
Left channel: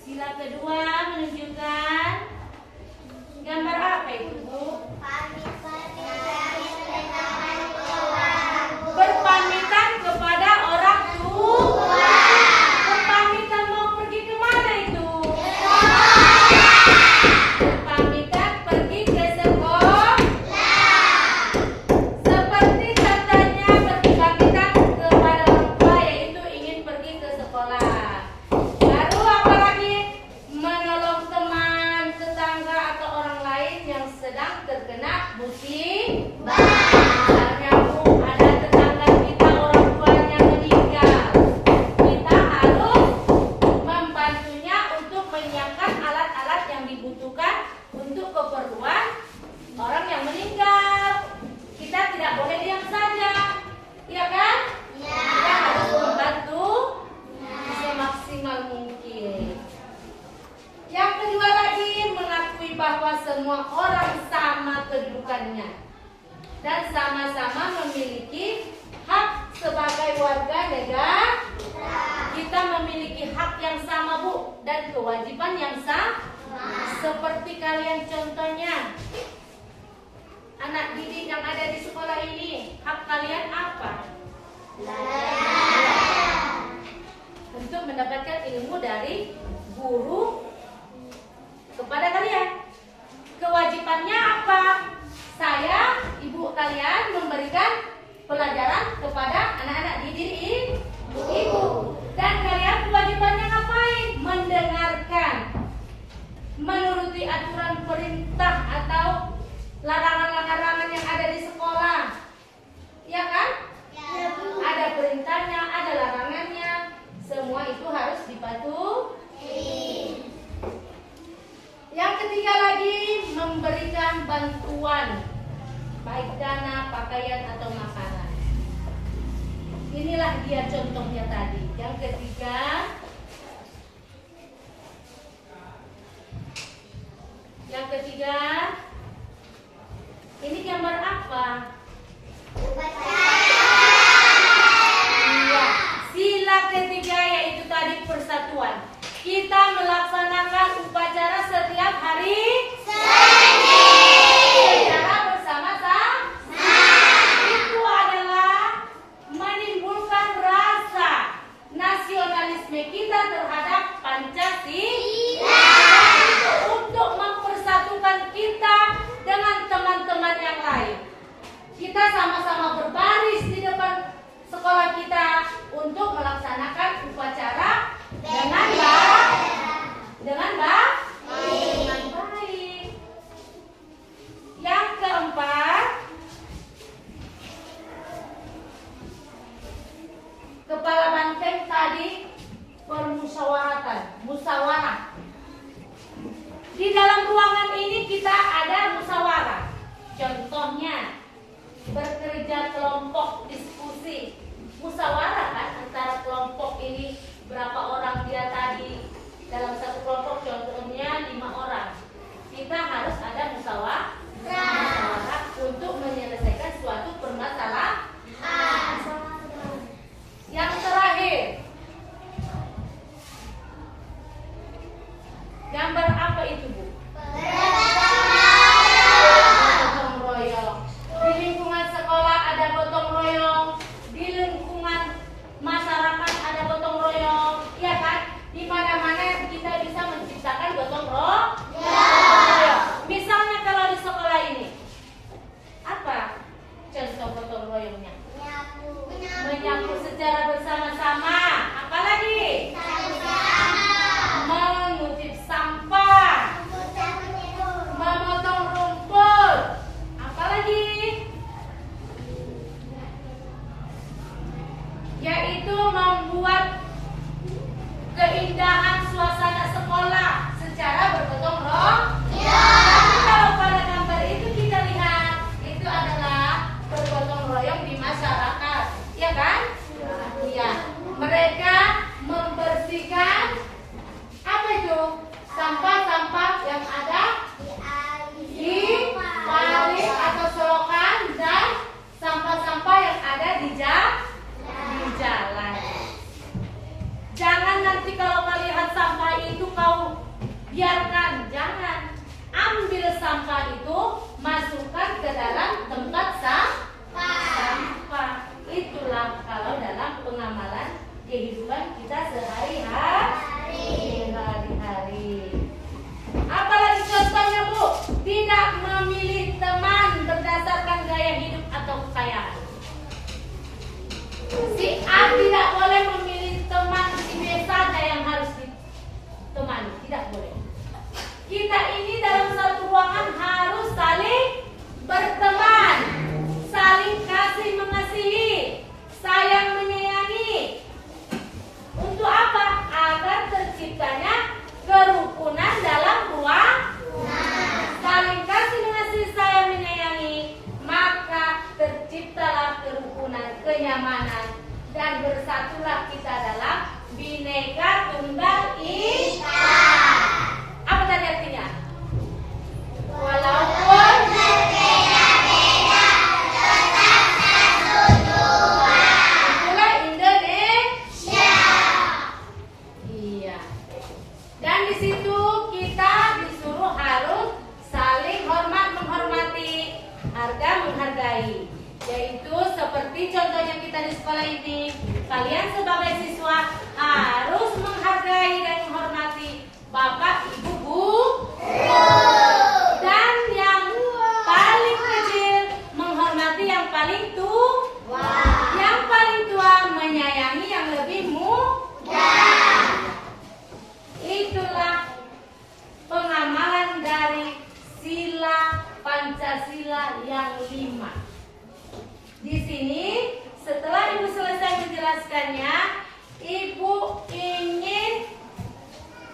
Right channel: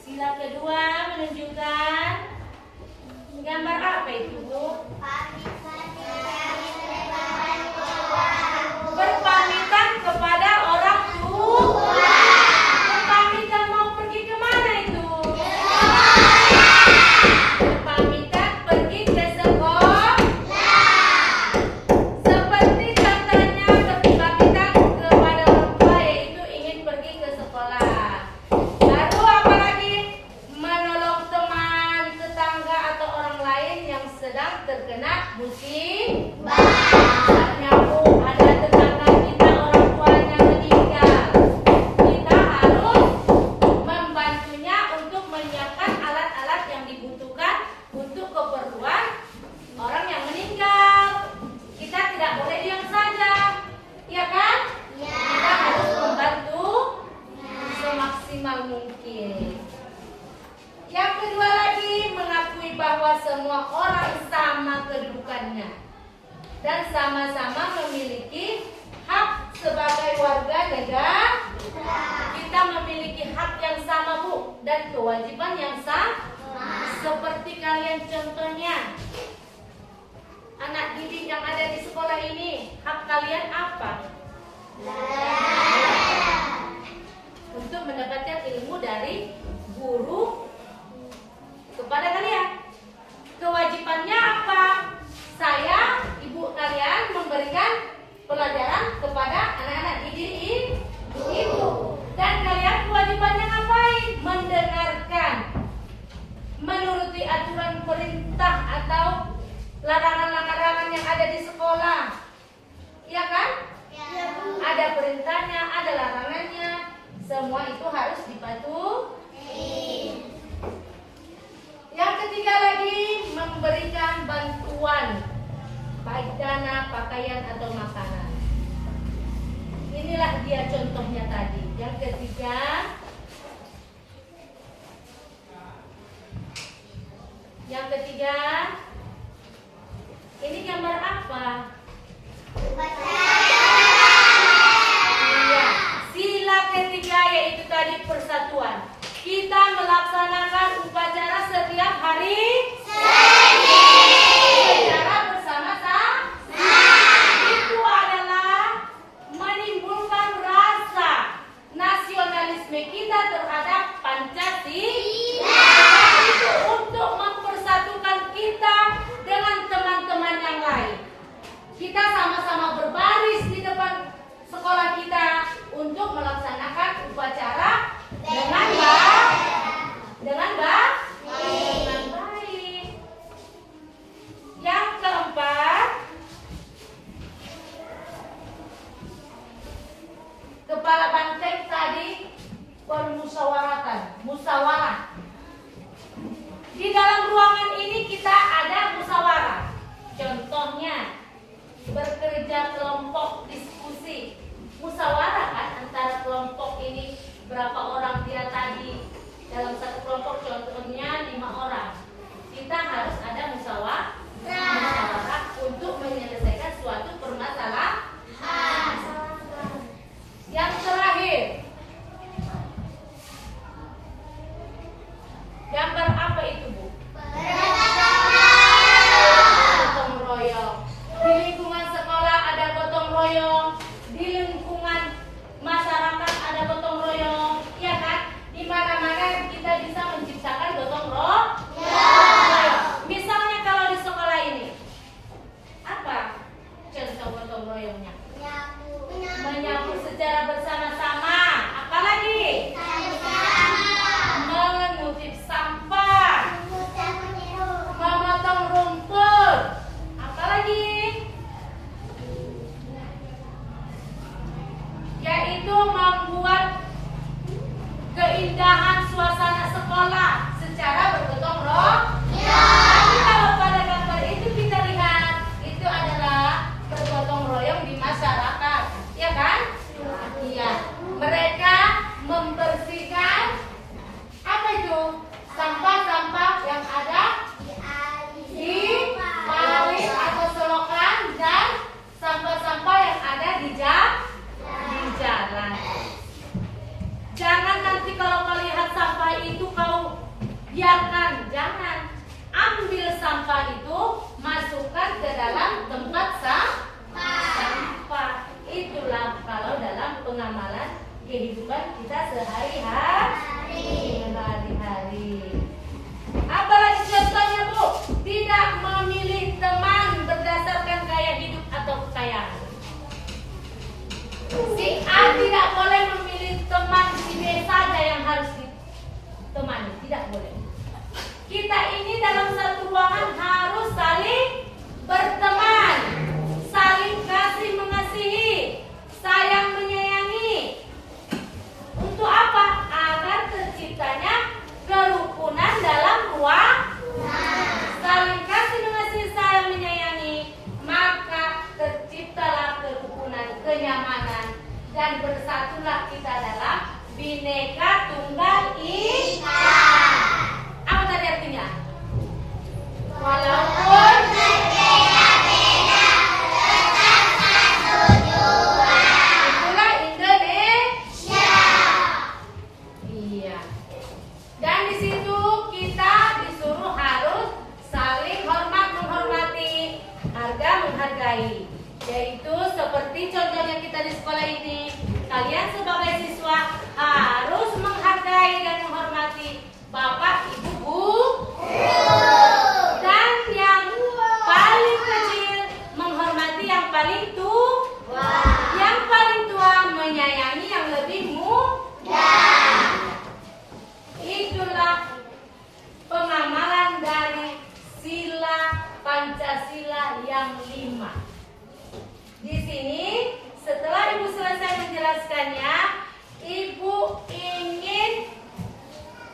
Sila kedua menunjukkan gambar apa itu Bu? Berpamitan kepada orang tua. Berpamitan mau pergi ke mana itu? Berpamitan pergi ke sekolah. Seperti contohnya berpamitan kepada orang tua, yaitu ingin pergi ke sekolah. Lalu apalagi menolong teman, tetangga atau orang lain yang sedang terkena musibah. Misalnya Bu, ada tetangga kita orang tuanya meninggal, kita harus membantunya untuk menyiapkan alat-alat yang dibutuhkan untuk keperluan orang yang meninggal. Kita tidak boleh diam saja, ya kan? Kita harus membantu semaksimal mungkin. Yang kedua lagi, mengakui bahwa semua orang sama kedudukannya dan sama-sama memiliki hak sebagai warga negara. dan kewajiban yang sama. Seperti kalian contohnya, anak didik yang ada di sekolah ini, hak kalian apa? Untuk mendapatkan ilmu dari guru kepada kalian. Kewajibannya apa? Saya, ibu kalian memberikan pelajaran kepada anak-anak didik ibu. Dan kalian kewajibannya ngapain? Mendengarkan, menuruti aturan perintah atau larangan-larangan yang ada di sekolah. Ya kan? Ya, Bu. Ada perintahnya, ada larangannya. Semua itu harus dipatuhi. Yang ketiga lagi, memberikan bantuan, baik dana, pakaian atau makanan. Inilah dia contohnya tadi. Yang ketiga, ini gambar apa? Iya, sila ketiga yaitu tadi persatuan. Kita melaksanakan upacara setiap hari secara bersama-sama. Itu adalah menimbulkan rasa nasionalisme kita terhadap Pancasila. Itu untuk mempersatukan kita dengan teman-teman yang lain. Kita sama-sama berbaris di depan sekolah kita untuk melaksanakan upacara dengan baik. Yang keempat, kepala banteng tadi musyawarah. Di dalam ruangan ini kita ada musyawarah. Contohnya bekerja kelompok diskusi. Musyawarah kan antara kelompok ini, berapa orang dia tadi dalam satu kelompok, contohnya 5 orang. Kita harus ada musyawarah untuk menyelesaikan suatu permasalahan. Yang terakhir, gambar apa itu, Bu? Gotong royong. Di lingkungan sekolah ada gotong royong, di lingkungan masyarakat ada gotong royong, ya kan? Di mana-mana kita bisa menciptakan gotong royong. Misalnya kalau di sekolah ini, apa contoh gotong royongnya? Menyapu secara bersama-sama. Apalagi? Mengutip sampah. Memotong rumput. Apalagi? Yaitu membuat keindahan suasana sekolah secara bergotong royong. Tapi kalau pada gambar itu kita lihat, itu adalah bergotong royong di masyarakat, ya kan? Iya. Mereka membersihkan apa itu? Sampah-sampah yang ada di kali atau selokan dan sampah-sampah yang ada di jalan. Jangan nanti kalau melihat sampah itu kau biarkan, jangan. Ambil sampah itu, masukkan ke dalam tempat sampah. Itulah kalau dalam pengamalan kehidupan kita sehari-hari. Apalagi contohnya, Bu? Tidak memilih teman berdasarkan gaya hidup atau kekayaan. Si A tidak boleh memilih teman, si B saja yang harus ditemani. Tidak boleh. Kita ini dalam satu ruangan harus saling berteman, saling kasih mengasihi, sayang menyayangi. Untuk apa? Agar terciptanya kerukunan dalam ruang. Saling kasih mengasihi, sayang menyayangi, maka terciptalah kerukunan, kenyamanan, dan bersatulah kita dalam Bhinneka Tunggal Ika. Apa tadi artinya? Walaupun berbeda-beda, tetap satu jua. Itulah Indonesia. Iya. Dan mengerjakannya, Ibu ingin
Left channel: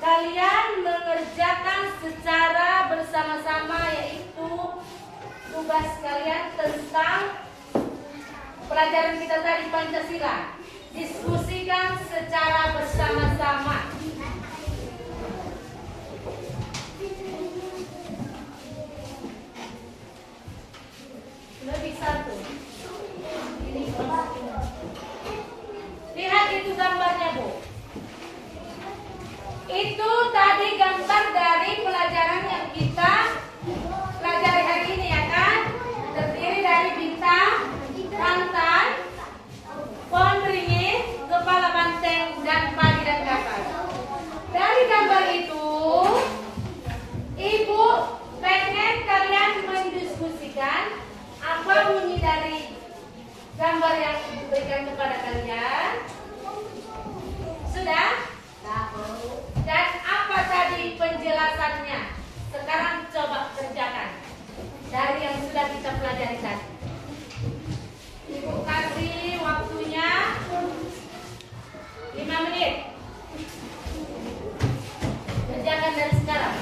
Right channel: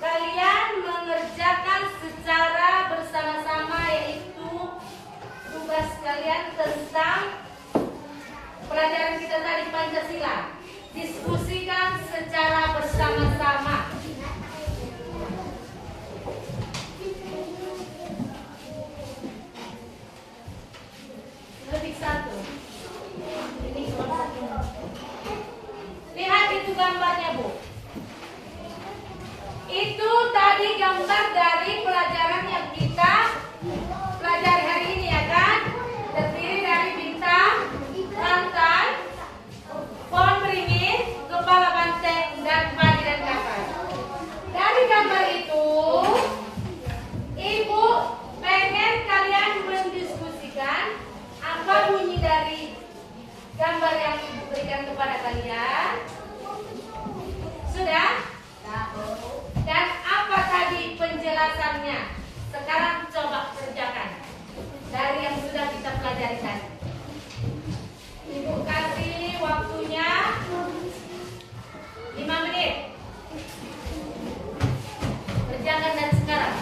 kalian mengerjakan secara bersama-sama, yaitu tugas kalian tentang pelajaran kita tadi Pancasila. Diskusikan secara bersama-sama. Lebih satu. Ini lihat itu gambarnya, Bu. Itu tadi gambar dari pelajaran yang kita pelajari hari ini, ya kan? Terdiri dari bintang, rantai, pohon beringin, kepala banteng, dan padi dan kapas. Dari gambar itu, Ibu pengen kalian mendiskusikan apa bunyi dari gambar yang diberikan kepada kalian. Sudah? Dan apa tadi penjelasannya? Sekarang coba kerjakan dari yang sudah kita pelajari tadi. Ibu kasih waktunya 5 menit. Kerjakan dari sekarang.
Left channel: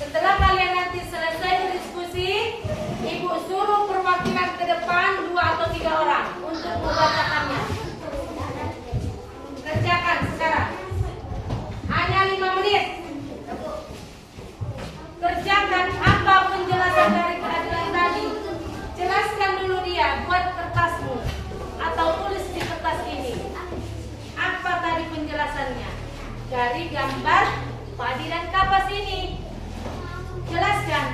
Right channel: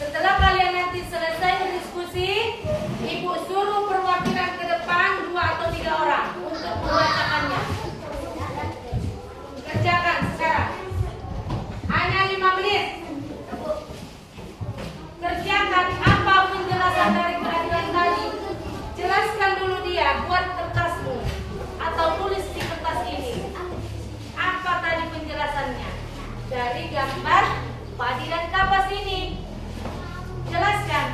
Setelah kalian nanti selesai berdiskusi, Ibu suruh perwakilan ke depan 2 atau 3 orang untuk membacakannya. Kerjakan sekarang. Hanya 5 menit. Kerjakan apa penjelasan dari pelajaran tadi. Jelaskan dulu dia, buat kertasmu atau tulis di kertas ini. Apa tadi penjelasannya dari gambar padi dan kapas ini? Jelaskan.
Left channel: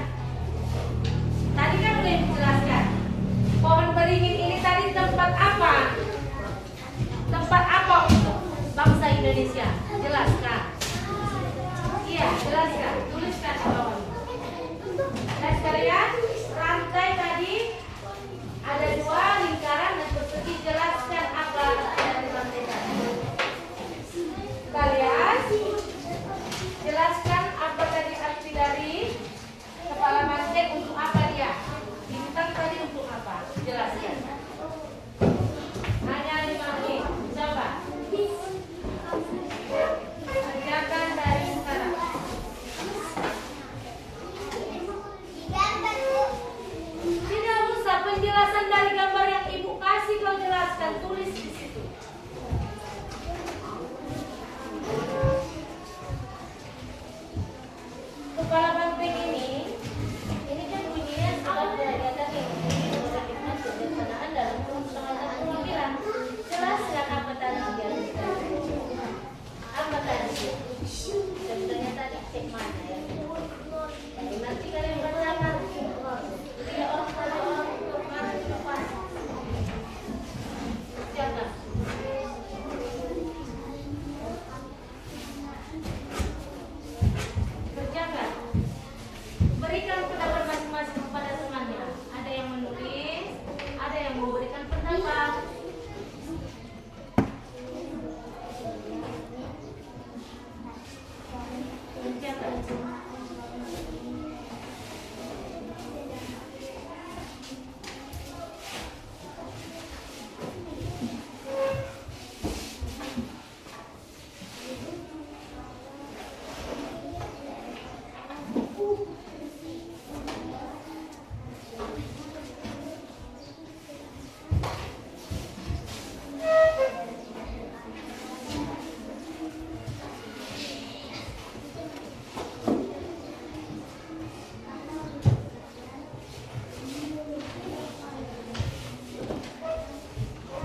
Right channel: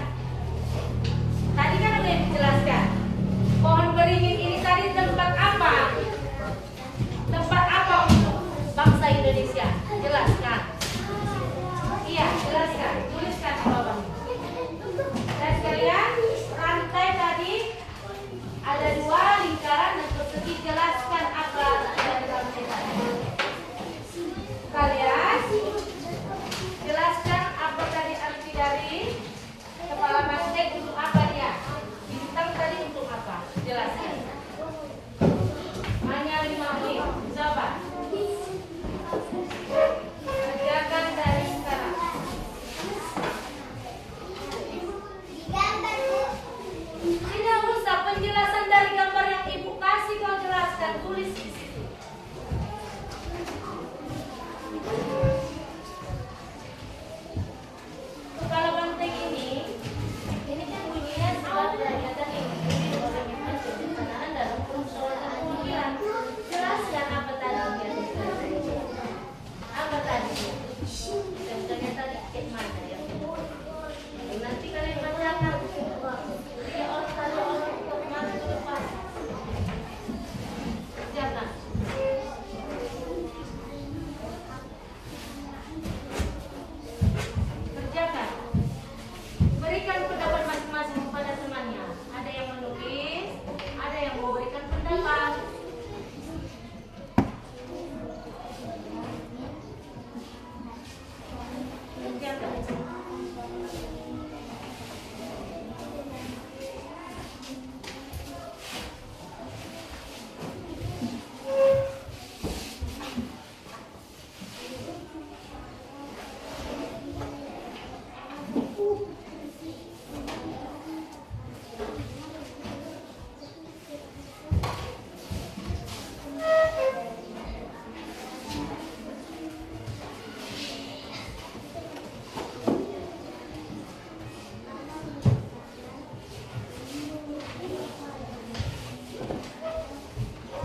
Tadi kan udah dijelaskan. Pohon beringin ini tadi tempat apa? Tempat apa untuk bangsa Indonesia? Jelaskan. Iya, jelaskan. Tuliskan di bawah. Dan kalian rantai tadi ada 2 lingkaran dan persegi. Jelaskan apa dari rantai tadi. Kalian jelaskan apa tadi arti dari kepala banteng, untuk apa dia? Bintang tadi untuk apa? Jelaskan. Hanya 5 menit. Coba. Kerjakan dari sekarang. Tidak usah penjelasan dari gambar yang Ibu kasih, kau jelaskan, tulis di situ. Kepala banteng ini kan bunyinya sebagai ada ini bagaimana kebijaksanaan dalam permusyawaratan pemilihan. Jelaskan apa tadi yang apa tadi? Sebenarnya tadi cek mana ya? Nanti kalian bacakan. Dia orang kalau orang mana depan. Jangan. Kerjakan. Berikan pendapat masing-masing kepada temannya. Ada yang menulis, ada yang mau berikan pendapat. Kerjakan.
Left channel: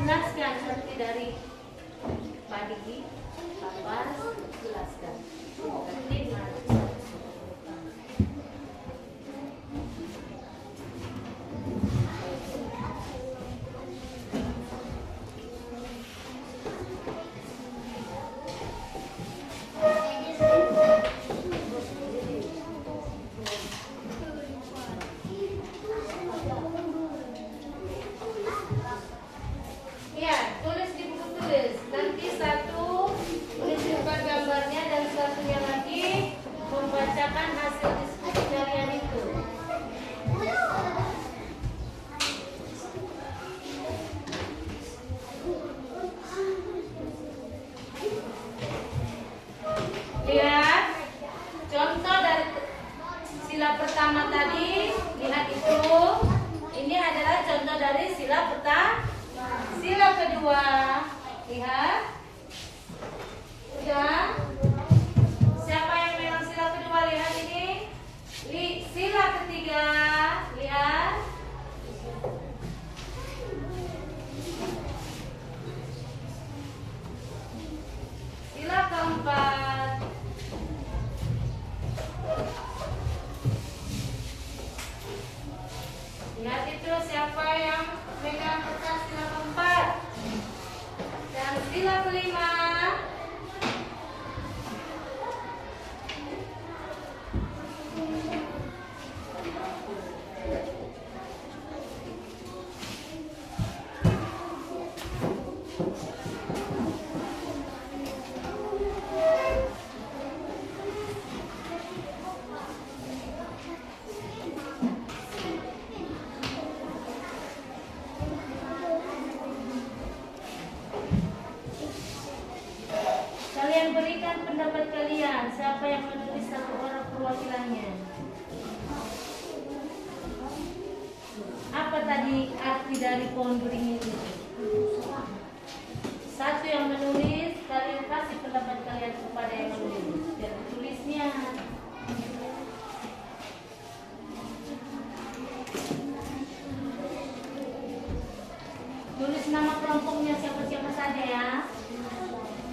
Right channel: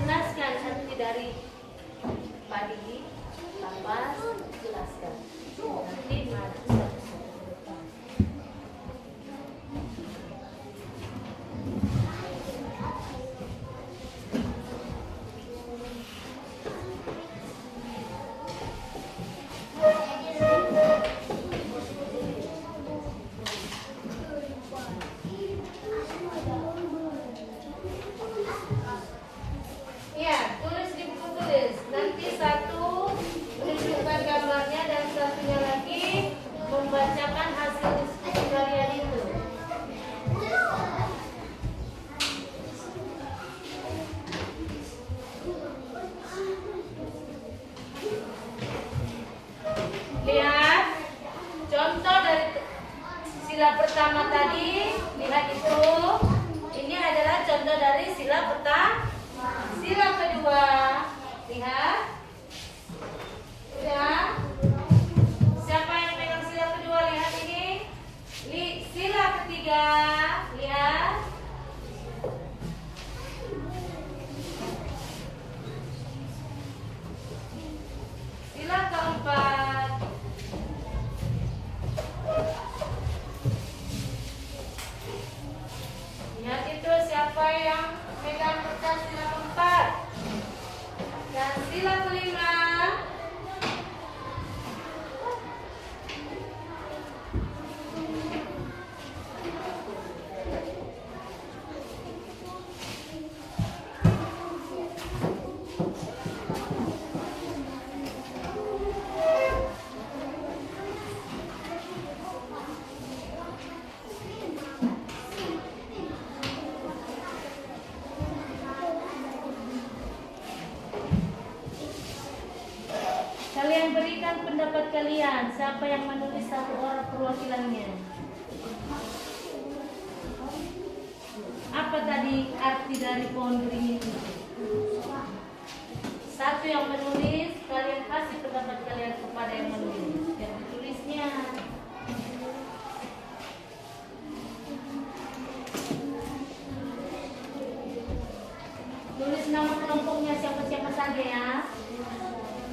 Jelaskan arti dari padi, kapas, jelaskan. Nanti mana? Iya, tulis di buku tulis. Nanti satu menunjukkan gambarnya dan satunya lagi membacakan hasil diskusi kalian itu. sila pertama tadi, lihat itu. Ini adalah contoh dari sila pertama. Sila kedua, lihat. Sudah. Siapa yang pegang sila kedua? Lihat ini. Sila ketiga, lihat. Sila keempat. Lihat itu siapa yang pegang kertas sila keempat. Dan sila kelima. Kalian berikan pendapat kalian. Siapa yang menulis satu orang perwakilannya? Apa tadi arti dari pohon beringin itu? Satu yang menulis, kalian kasih pendapat kalian kepada yang menulis. Dan tulisnya. Tulis nama kelompoknya siapa-siapa saja ya.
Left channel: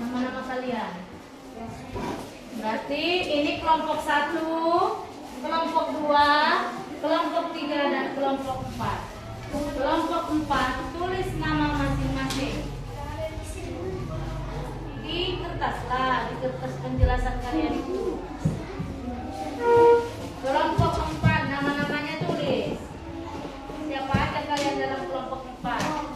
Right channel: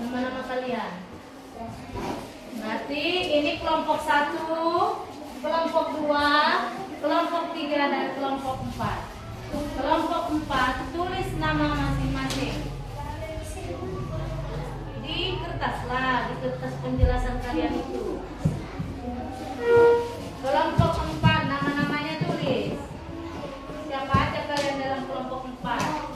Nama-nama kalian. Berarti ini kelompok 1, kelompok 2, kelompok 3 dan kelompok 4. Kelompok 4 tulis nama masing-masing di kertas lah, di kertas penjelasan kalian itu. Kelompok 4 nama-namanya tulis. Siapa aja kalian dalam kelompok 4?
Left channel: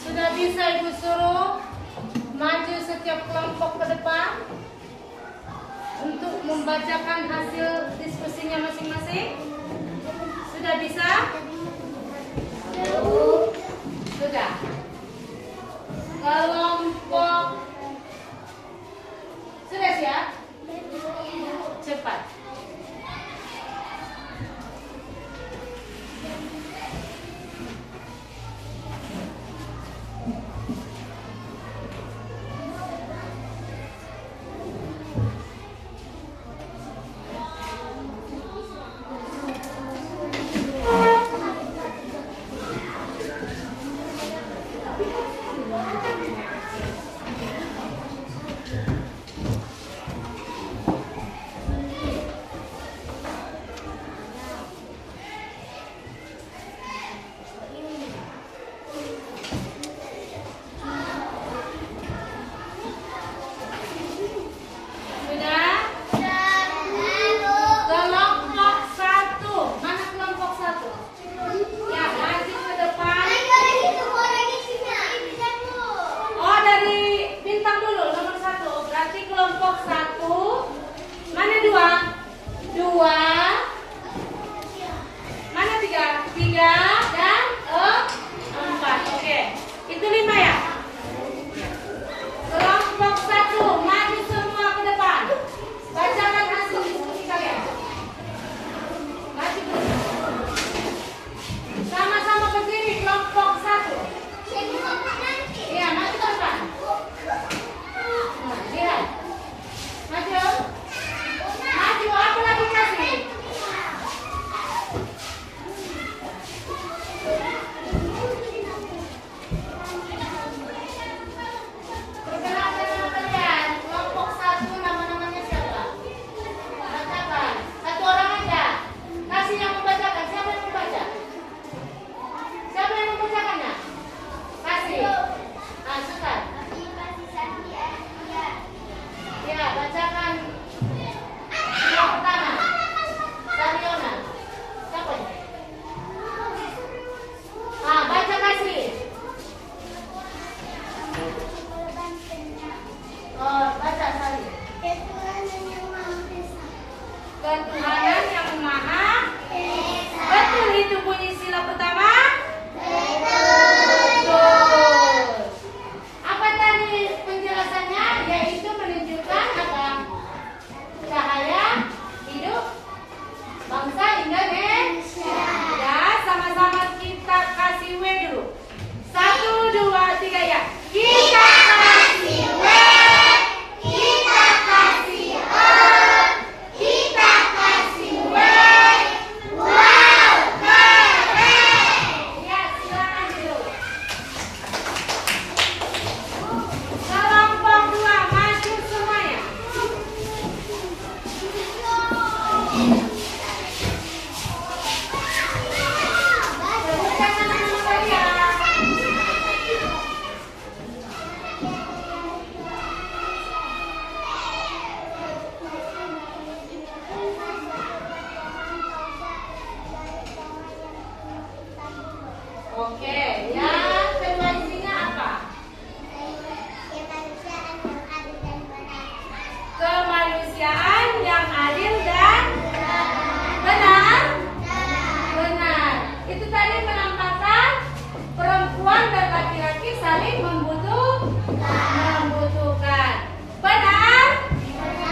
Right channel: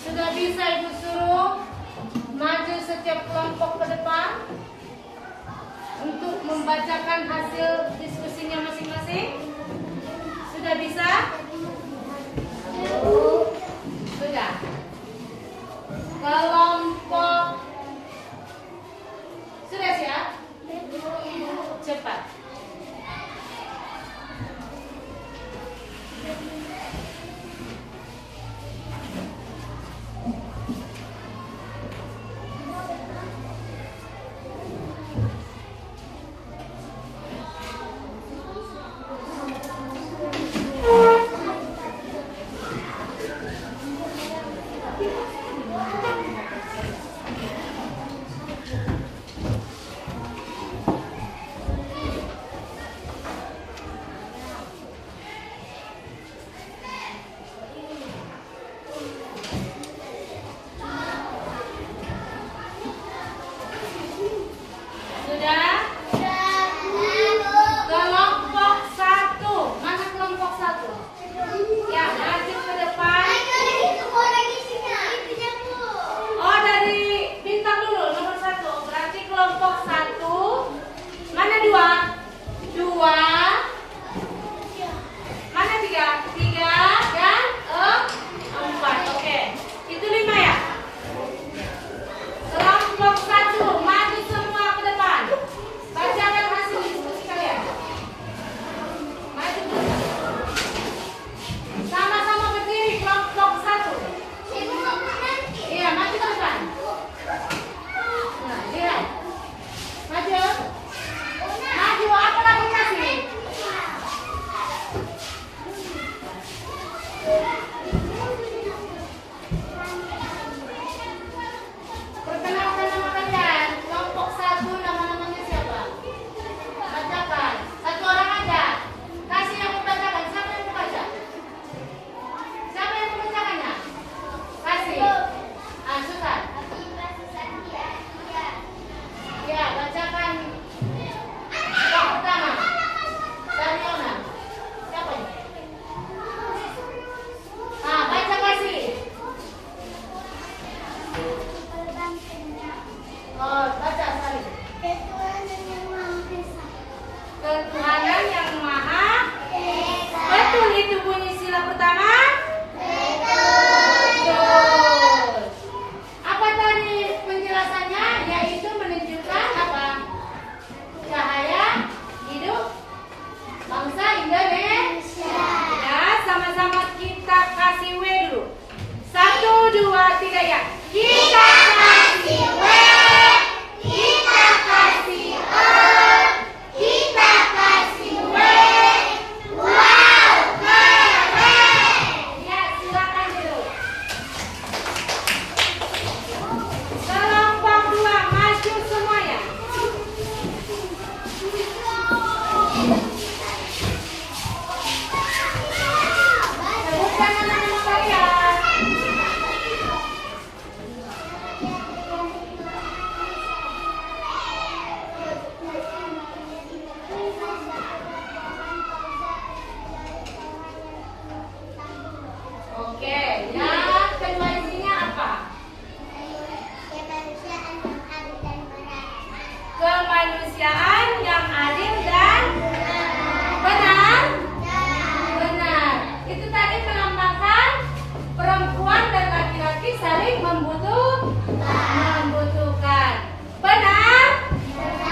Sudah bisa Ibu suruh maju setiap kelompok ke depan untuk membacakan hasil diskusinya masing-masing? Sudah bisa? Sudah. Kelompok sudah siap? Cepat. ketuhanan yang maha. Betul itu bunyi sila pertama? Betul. Apa tadi penjelasannya? Yaitu menunjukkan apa? Cahaya hidup bangsa Indonesia. Ya, sama-sama kita kasih W dulu. 1, 2, 3 ya. Kita kasih W, kita kasih O, kita kasih W. Wow, keren. Ya, silakan dulu. Kelompok 2 maju semuanya. Bukan anak-anak kalian. Oke, yang kedua isinya apa? Kemanusiaan yang adil dan benar. Benar. Itu tadi melambangkan perempuan dan laki-laki saling membutuhkan. Benar?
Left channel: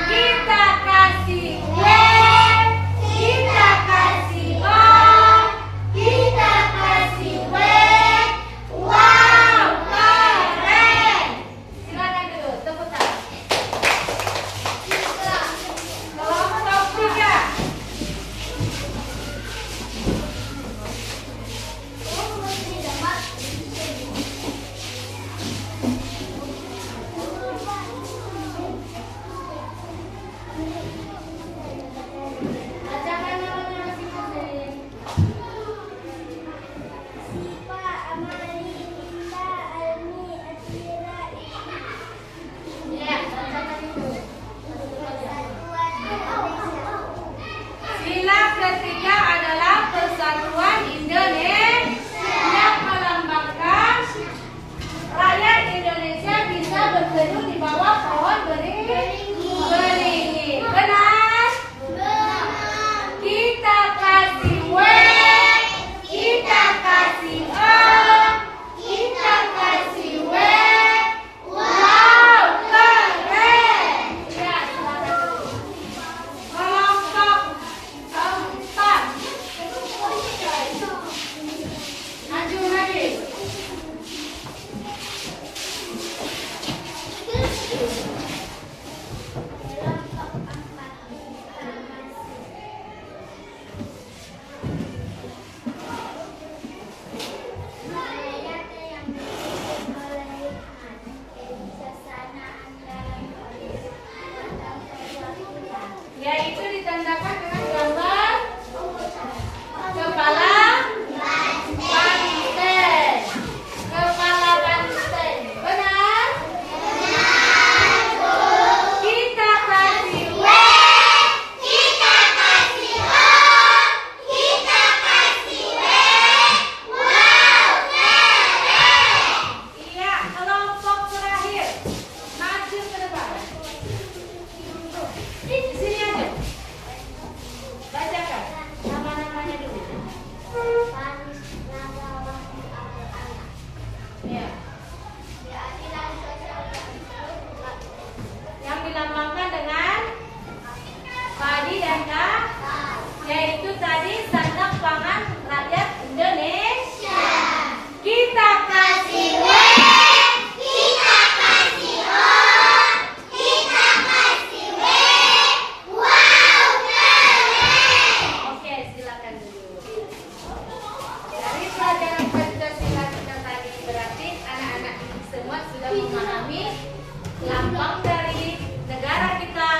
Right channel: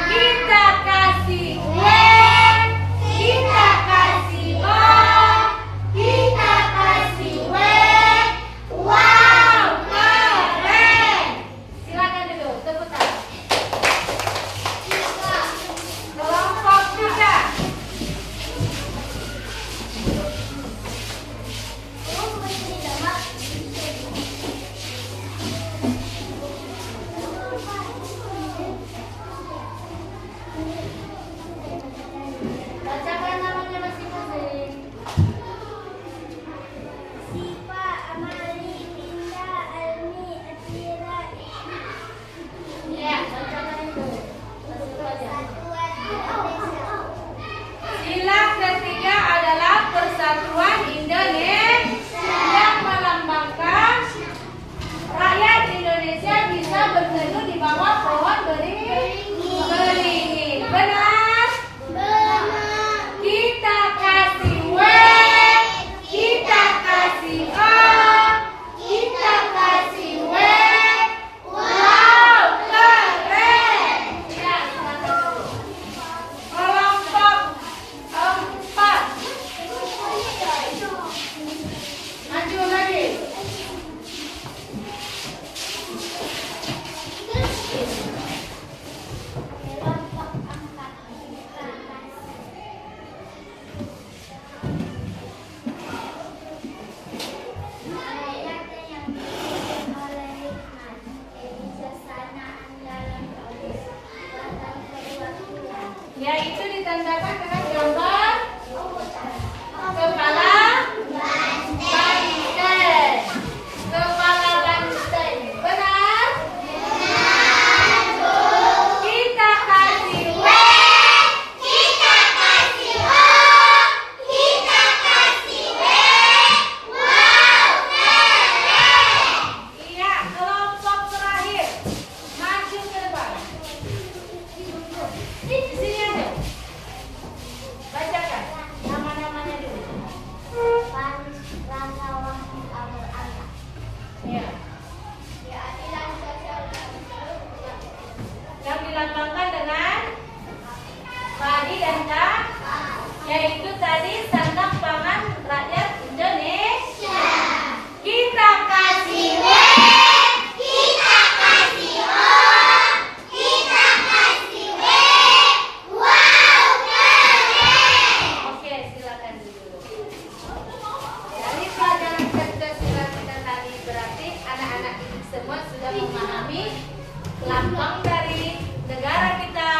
Kita kasih W, kita kasih O, kita kasih W. Wow, keren. Silakan dulu, tepuk tangan. Kelompok 3. Bacakan namanya masing-masing. Sipa, Amali, Minta, Almi, Atira, Ya, bacakan itu. Sila ketiga adalah persatuan Indonesia yang melambangkan rakyat Indonesia bisa berteduh di bawah pohon beringin. Benar? Kita kasih W, kita kasih O, kita kasih W. Wow, keren. Ya, silakan dulu. Kelompok 4. Maju lagi. Yaitu ditandahkan dengan gambar kepala banteng. Kepala banteng. Benar? Kita kasih W, kita kasih O, kita kasih W. Wow, keren. iya, kelompok terakhir. Maju ke depan. Di sini aja. Bacakan nama-namanya dulu. Ya. Yang dilambangkan dengan padi dan K, yaitu tadi sandang pangan rakyat Indonesia. Kita kasih W, Kita kasih O, kita kasih W. Wow, keren. oke, silakan dulu. Dari pelajaran Pancasila kita tadi berarti anak-anak ini semua sudah memahami lambang dari negara kita,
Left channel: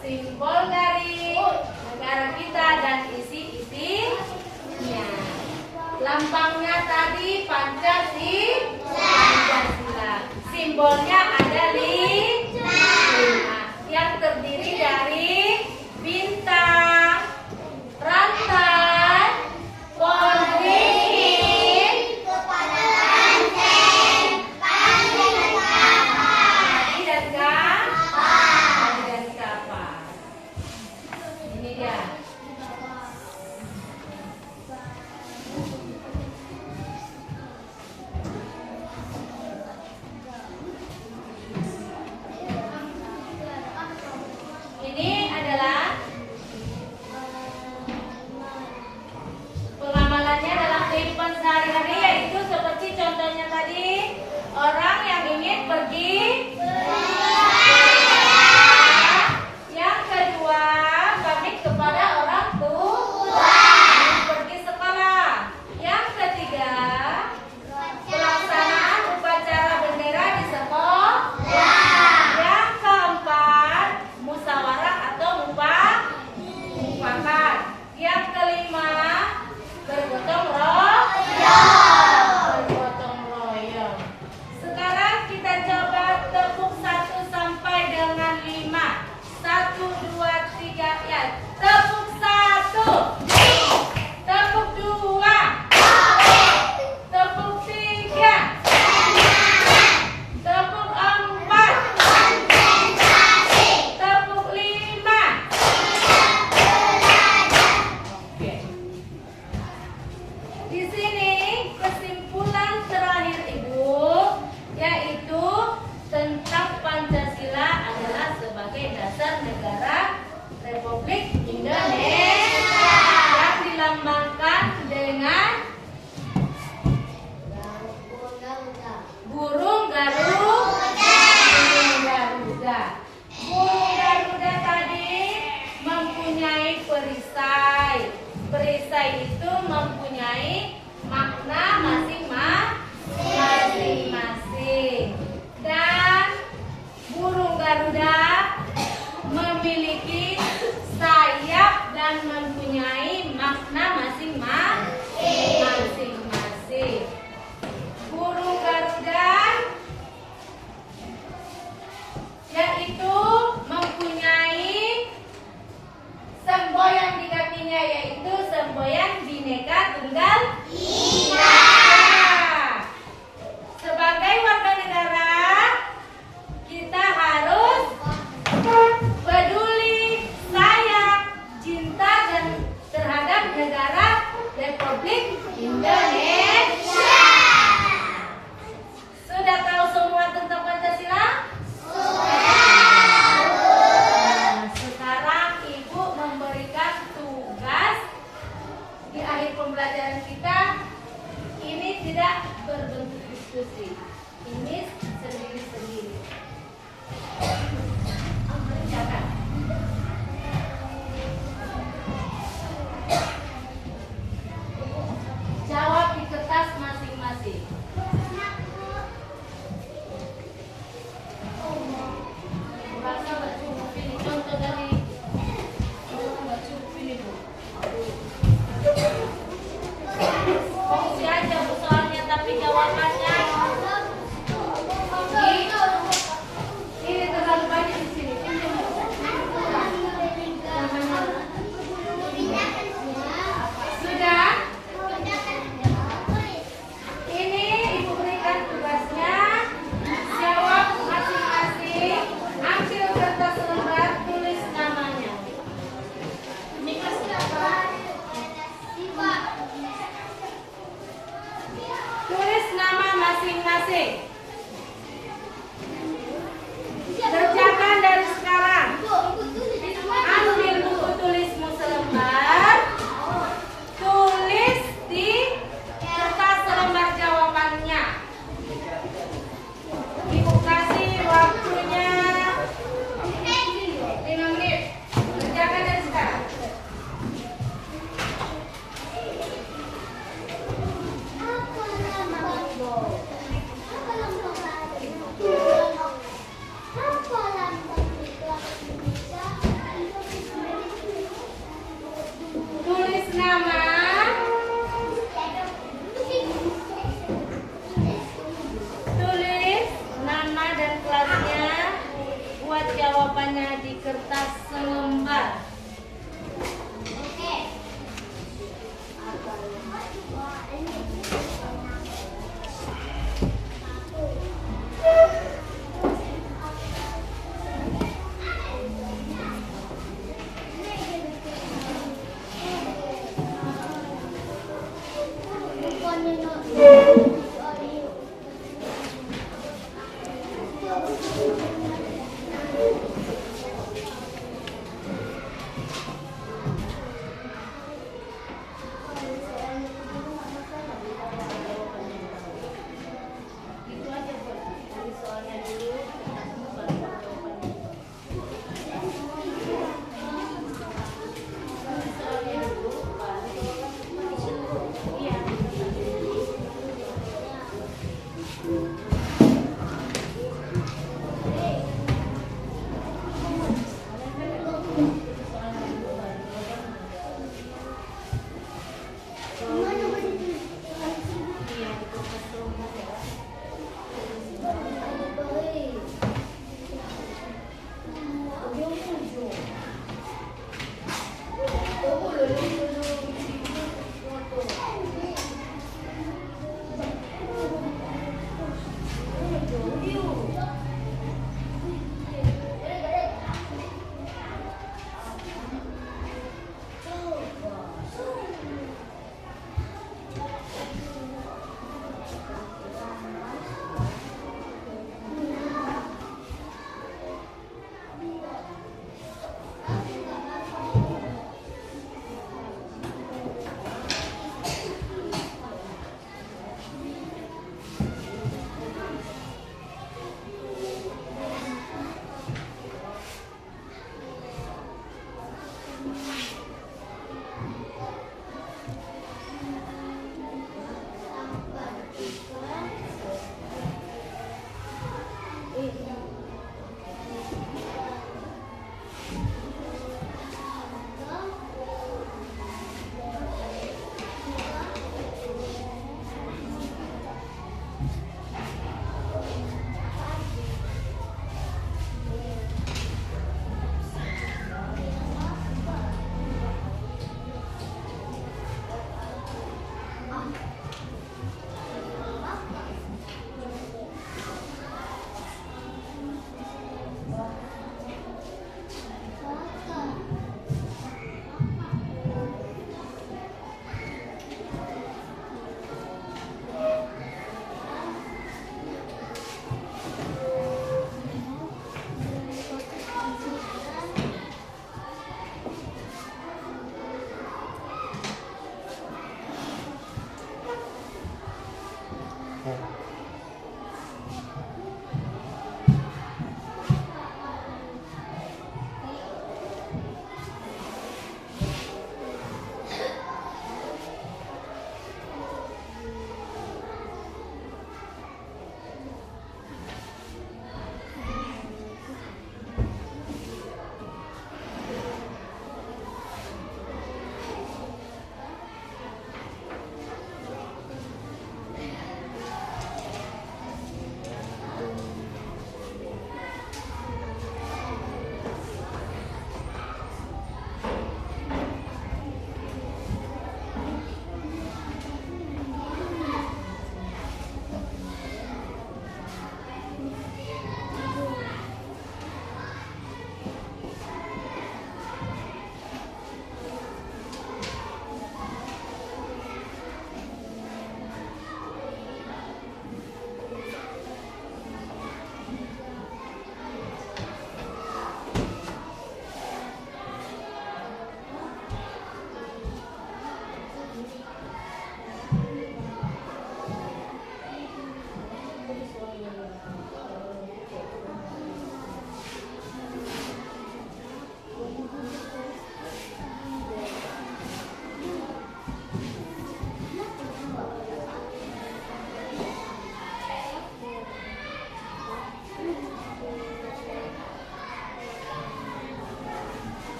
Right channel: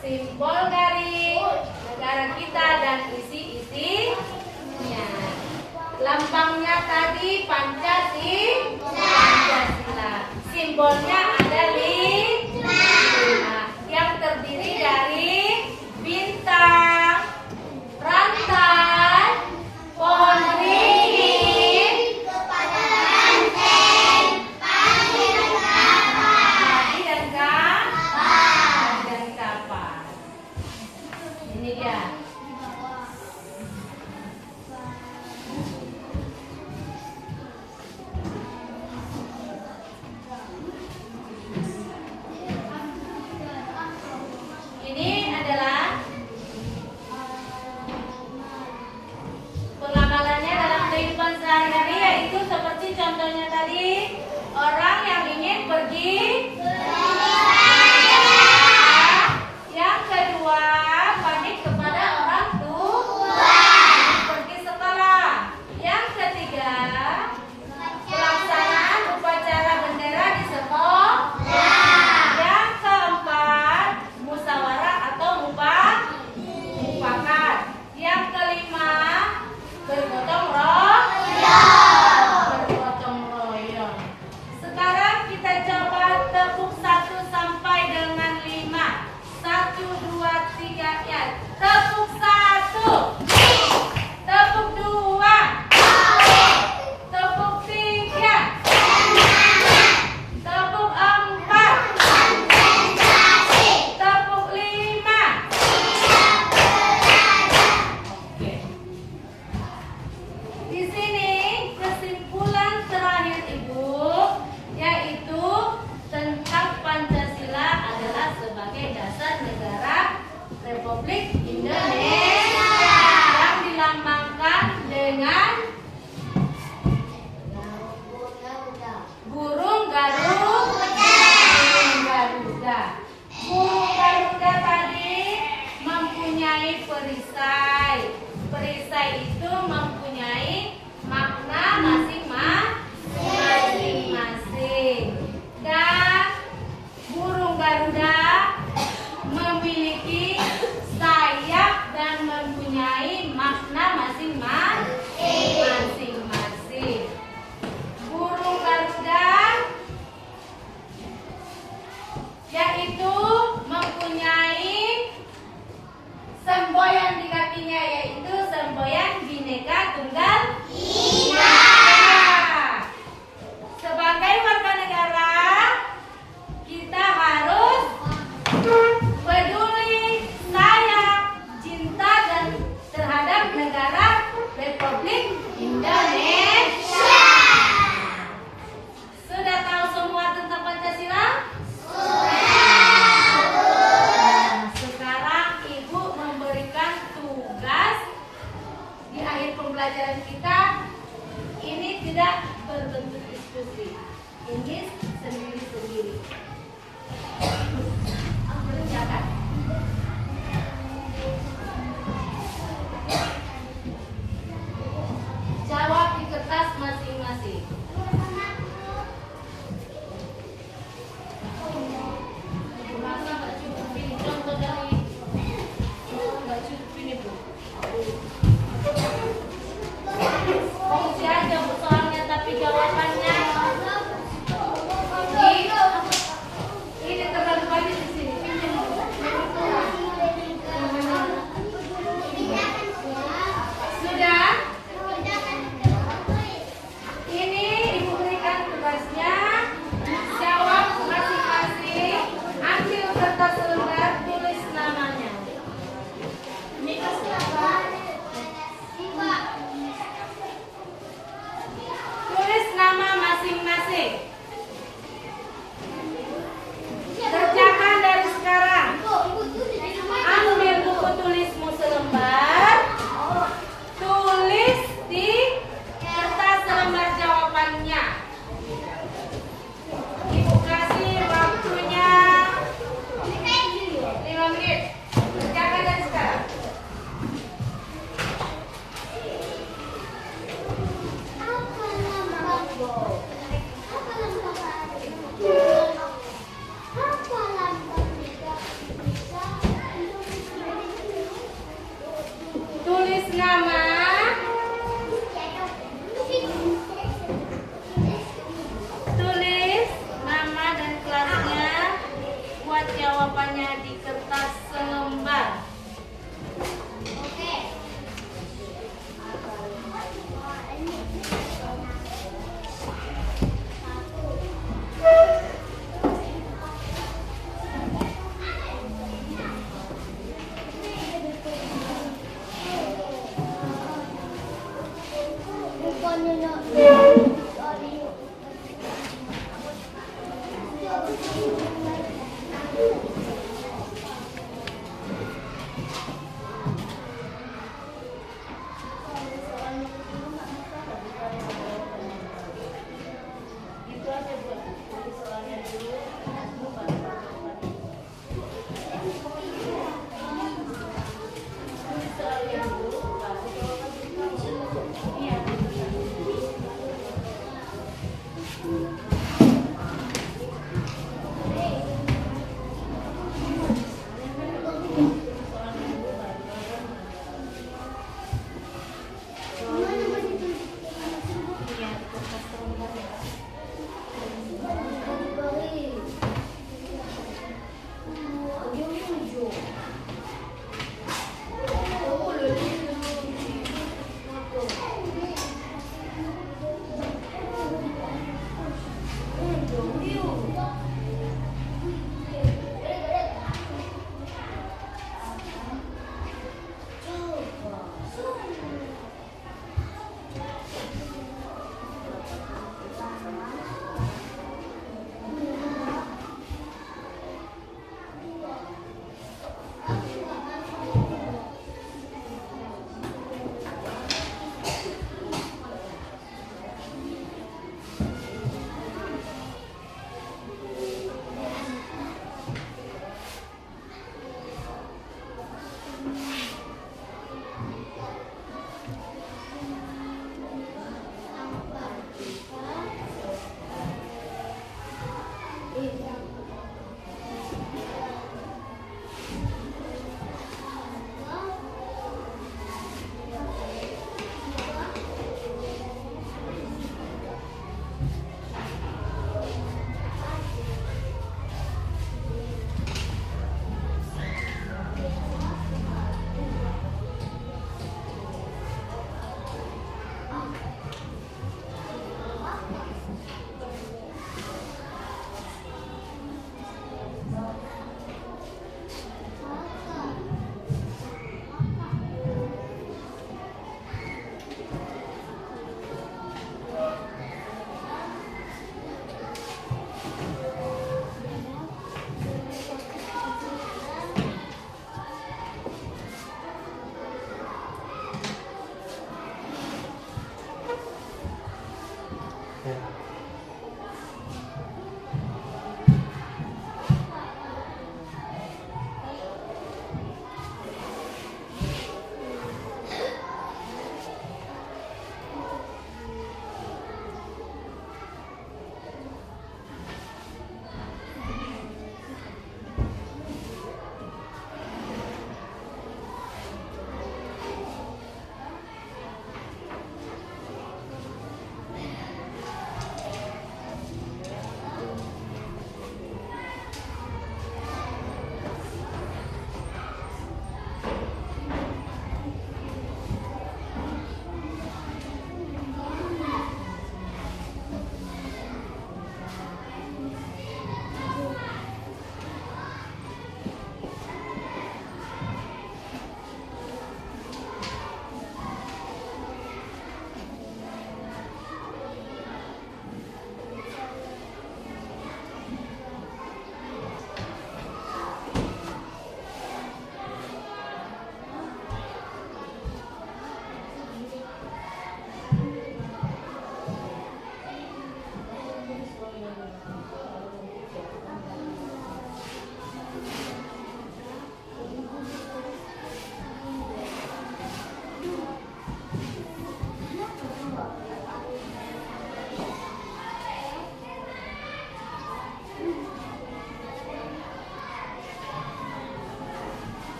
simbol dari negara kita dan isi-isinya. Lambangnya tadi Pancasila. Simbolnya ada 5 yang terdiri dari bintang, rantai, pohon beringin, Kepada banteng, panggil padi dan kapas. Ini dia. memiliki sayap dan mempunyai makna masing-masing. Burung Garuda yaitu mempunyai semboyan di kakinya, yaitu semboyan Bhinneka Tunggal Ika. Sebagai warga negara, kita harus peduli, sayang, cinta dan terhadap negara Republik Indonesia. Sudah tahu semua tentang Pancasila? Nah, sekarang Ibu memberikan tugas di akhir pembelajaran kita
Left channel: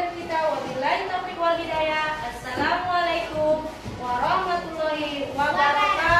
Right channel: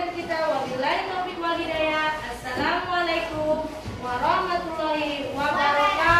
pelajaran kita. Wabillahi taufiq wal hidayah. Assalamualaikum warahmatullahi wabarakatuh.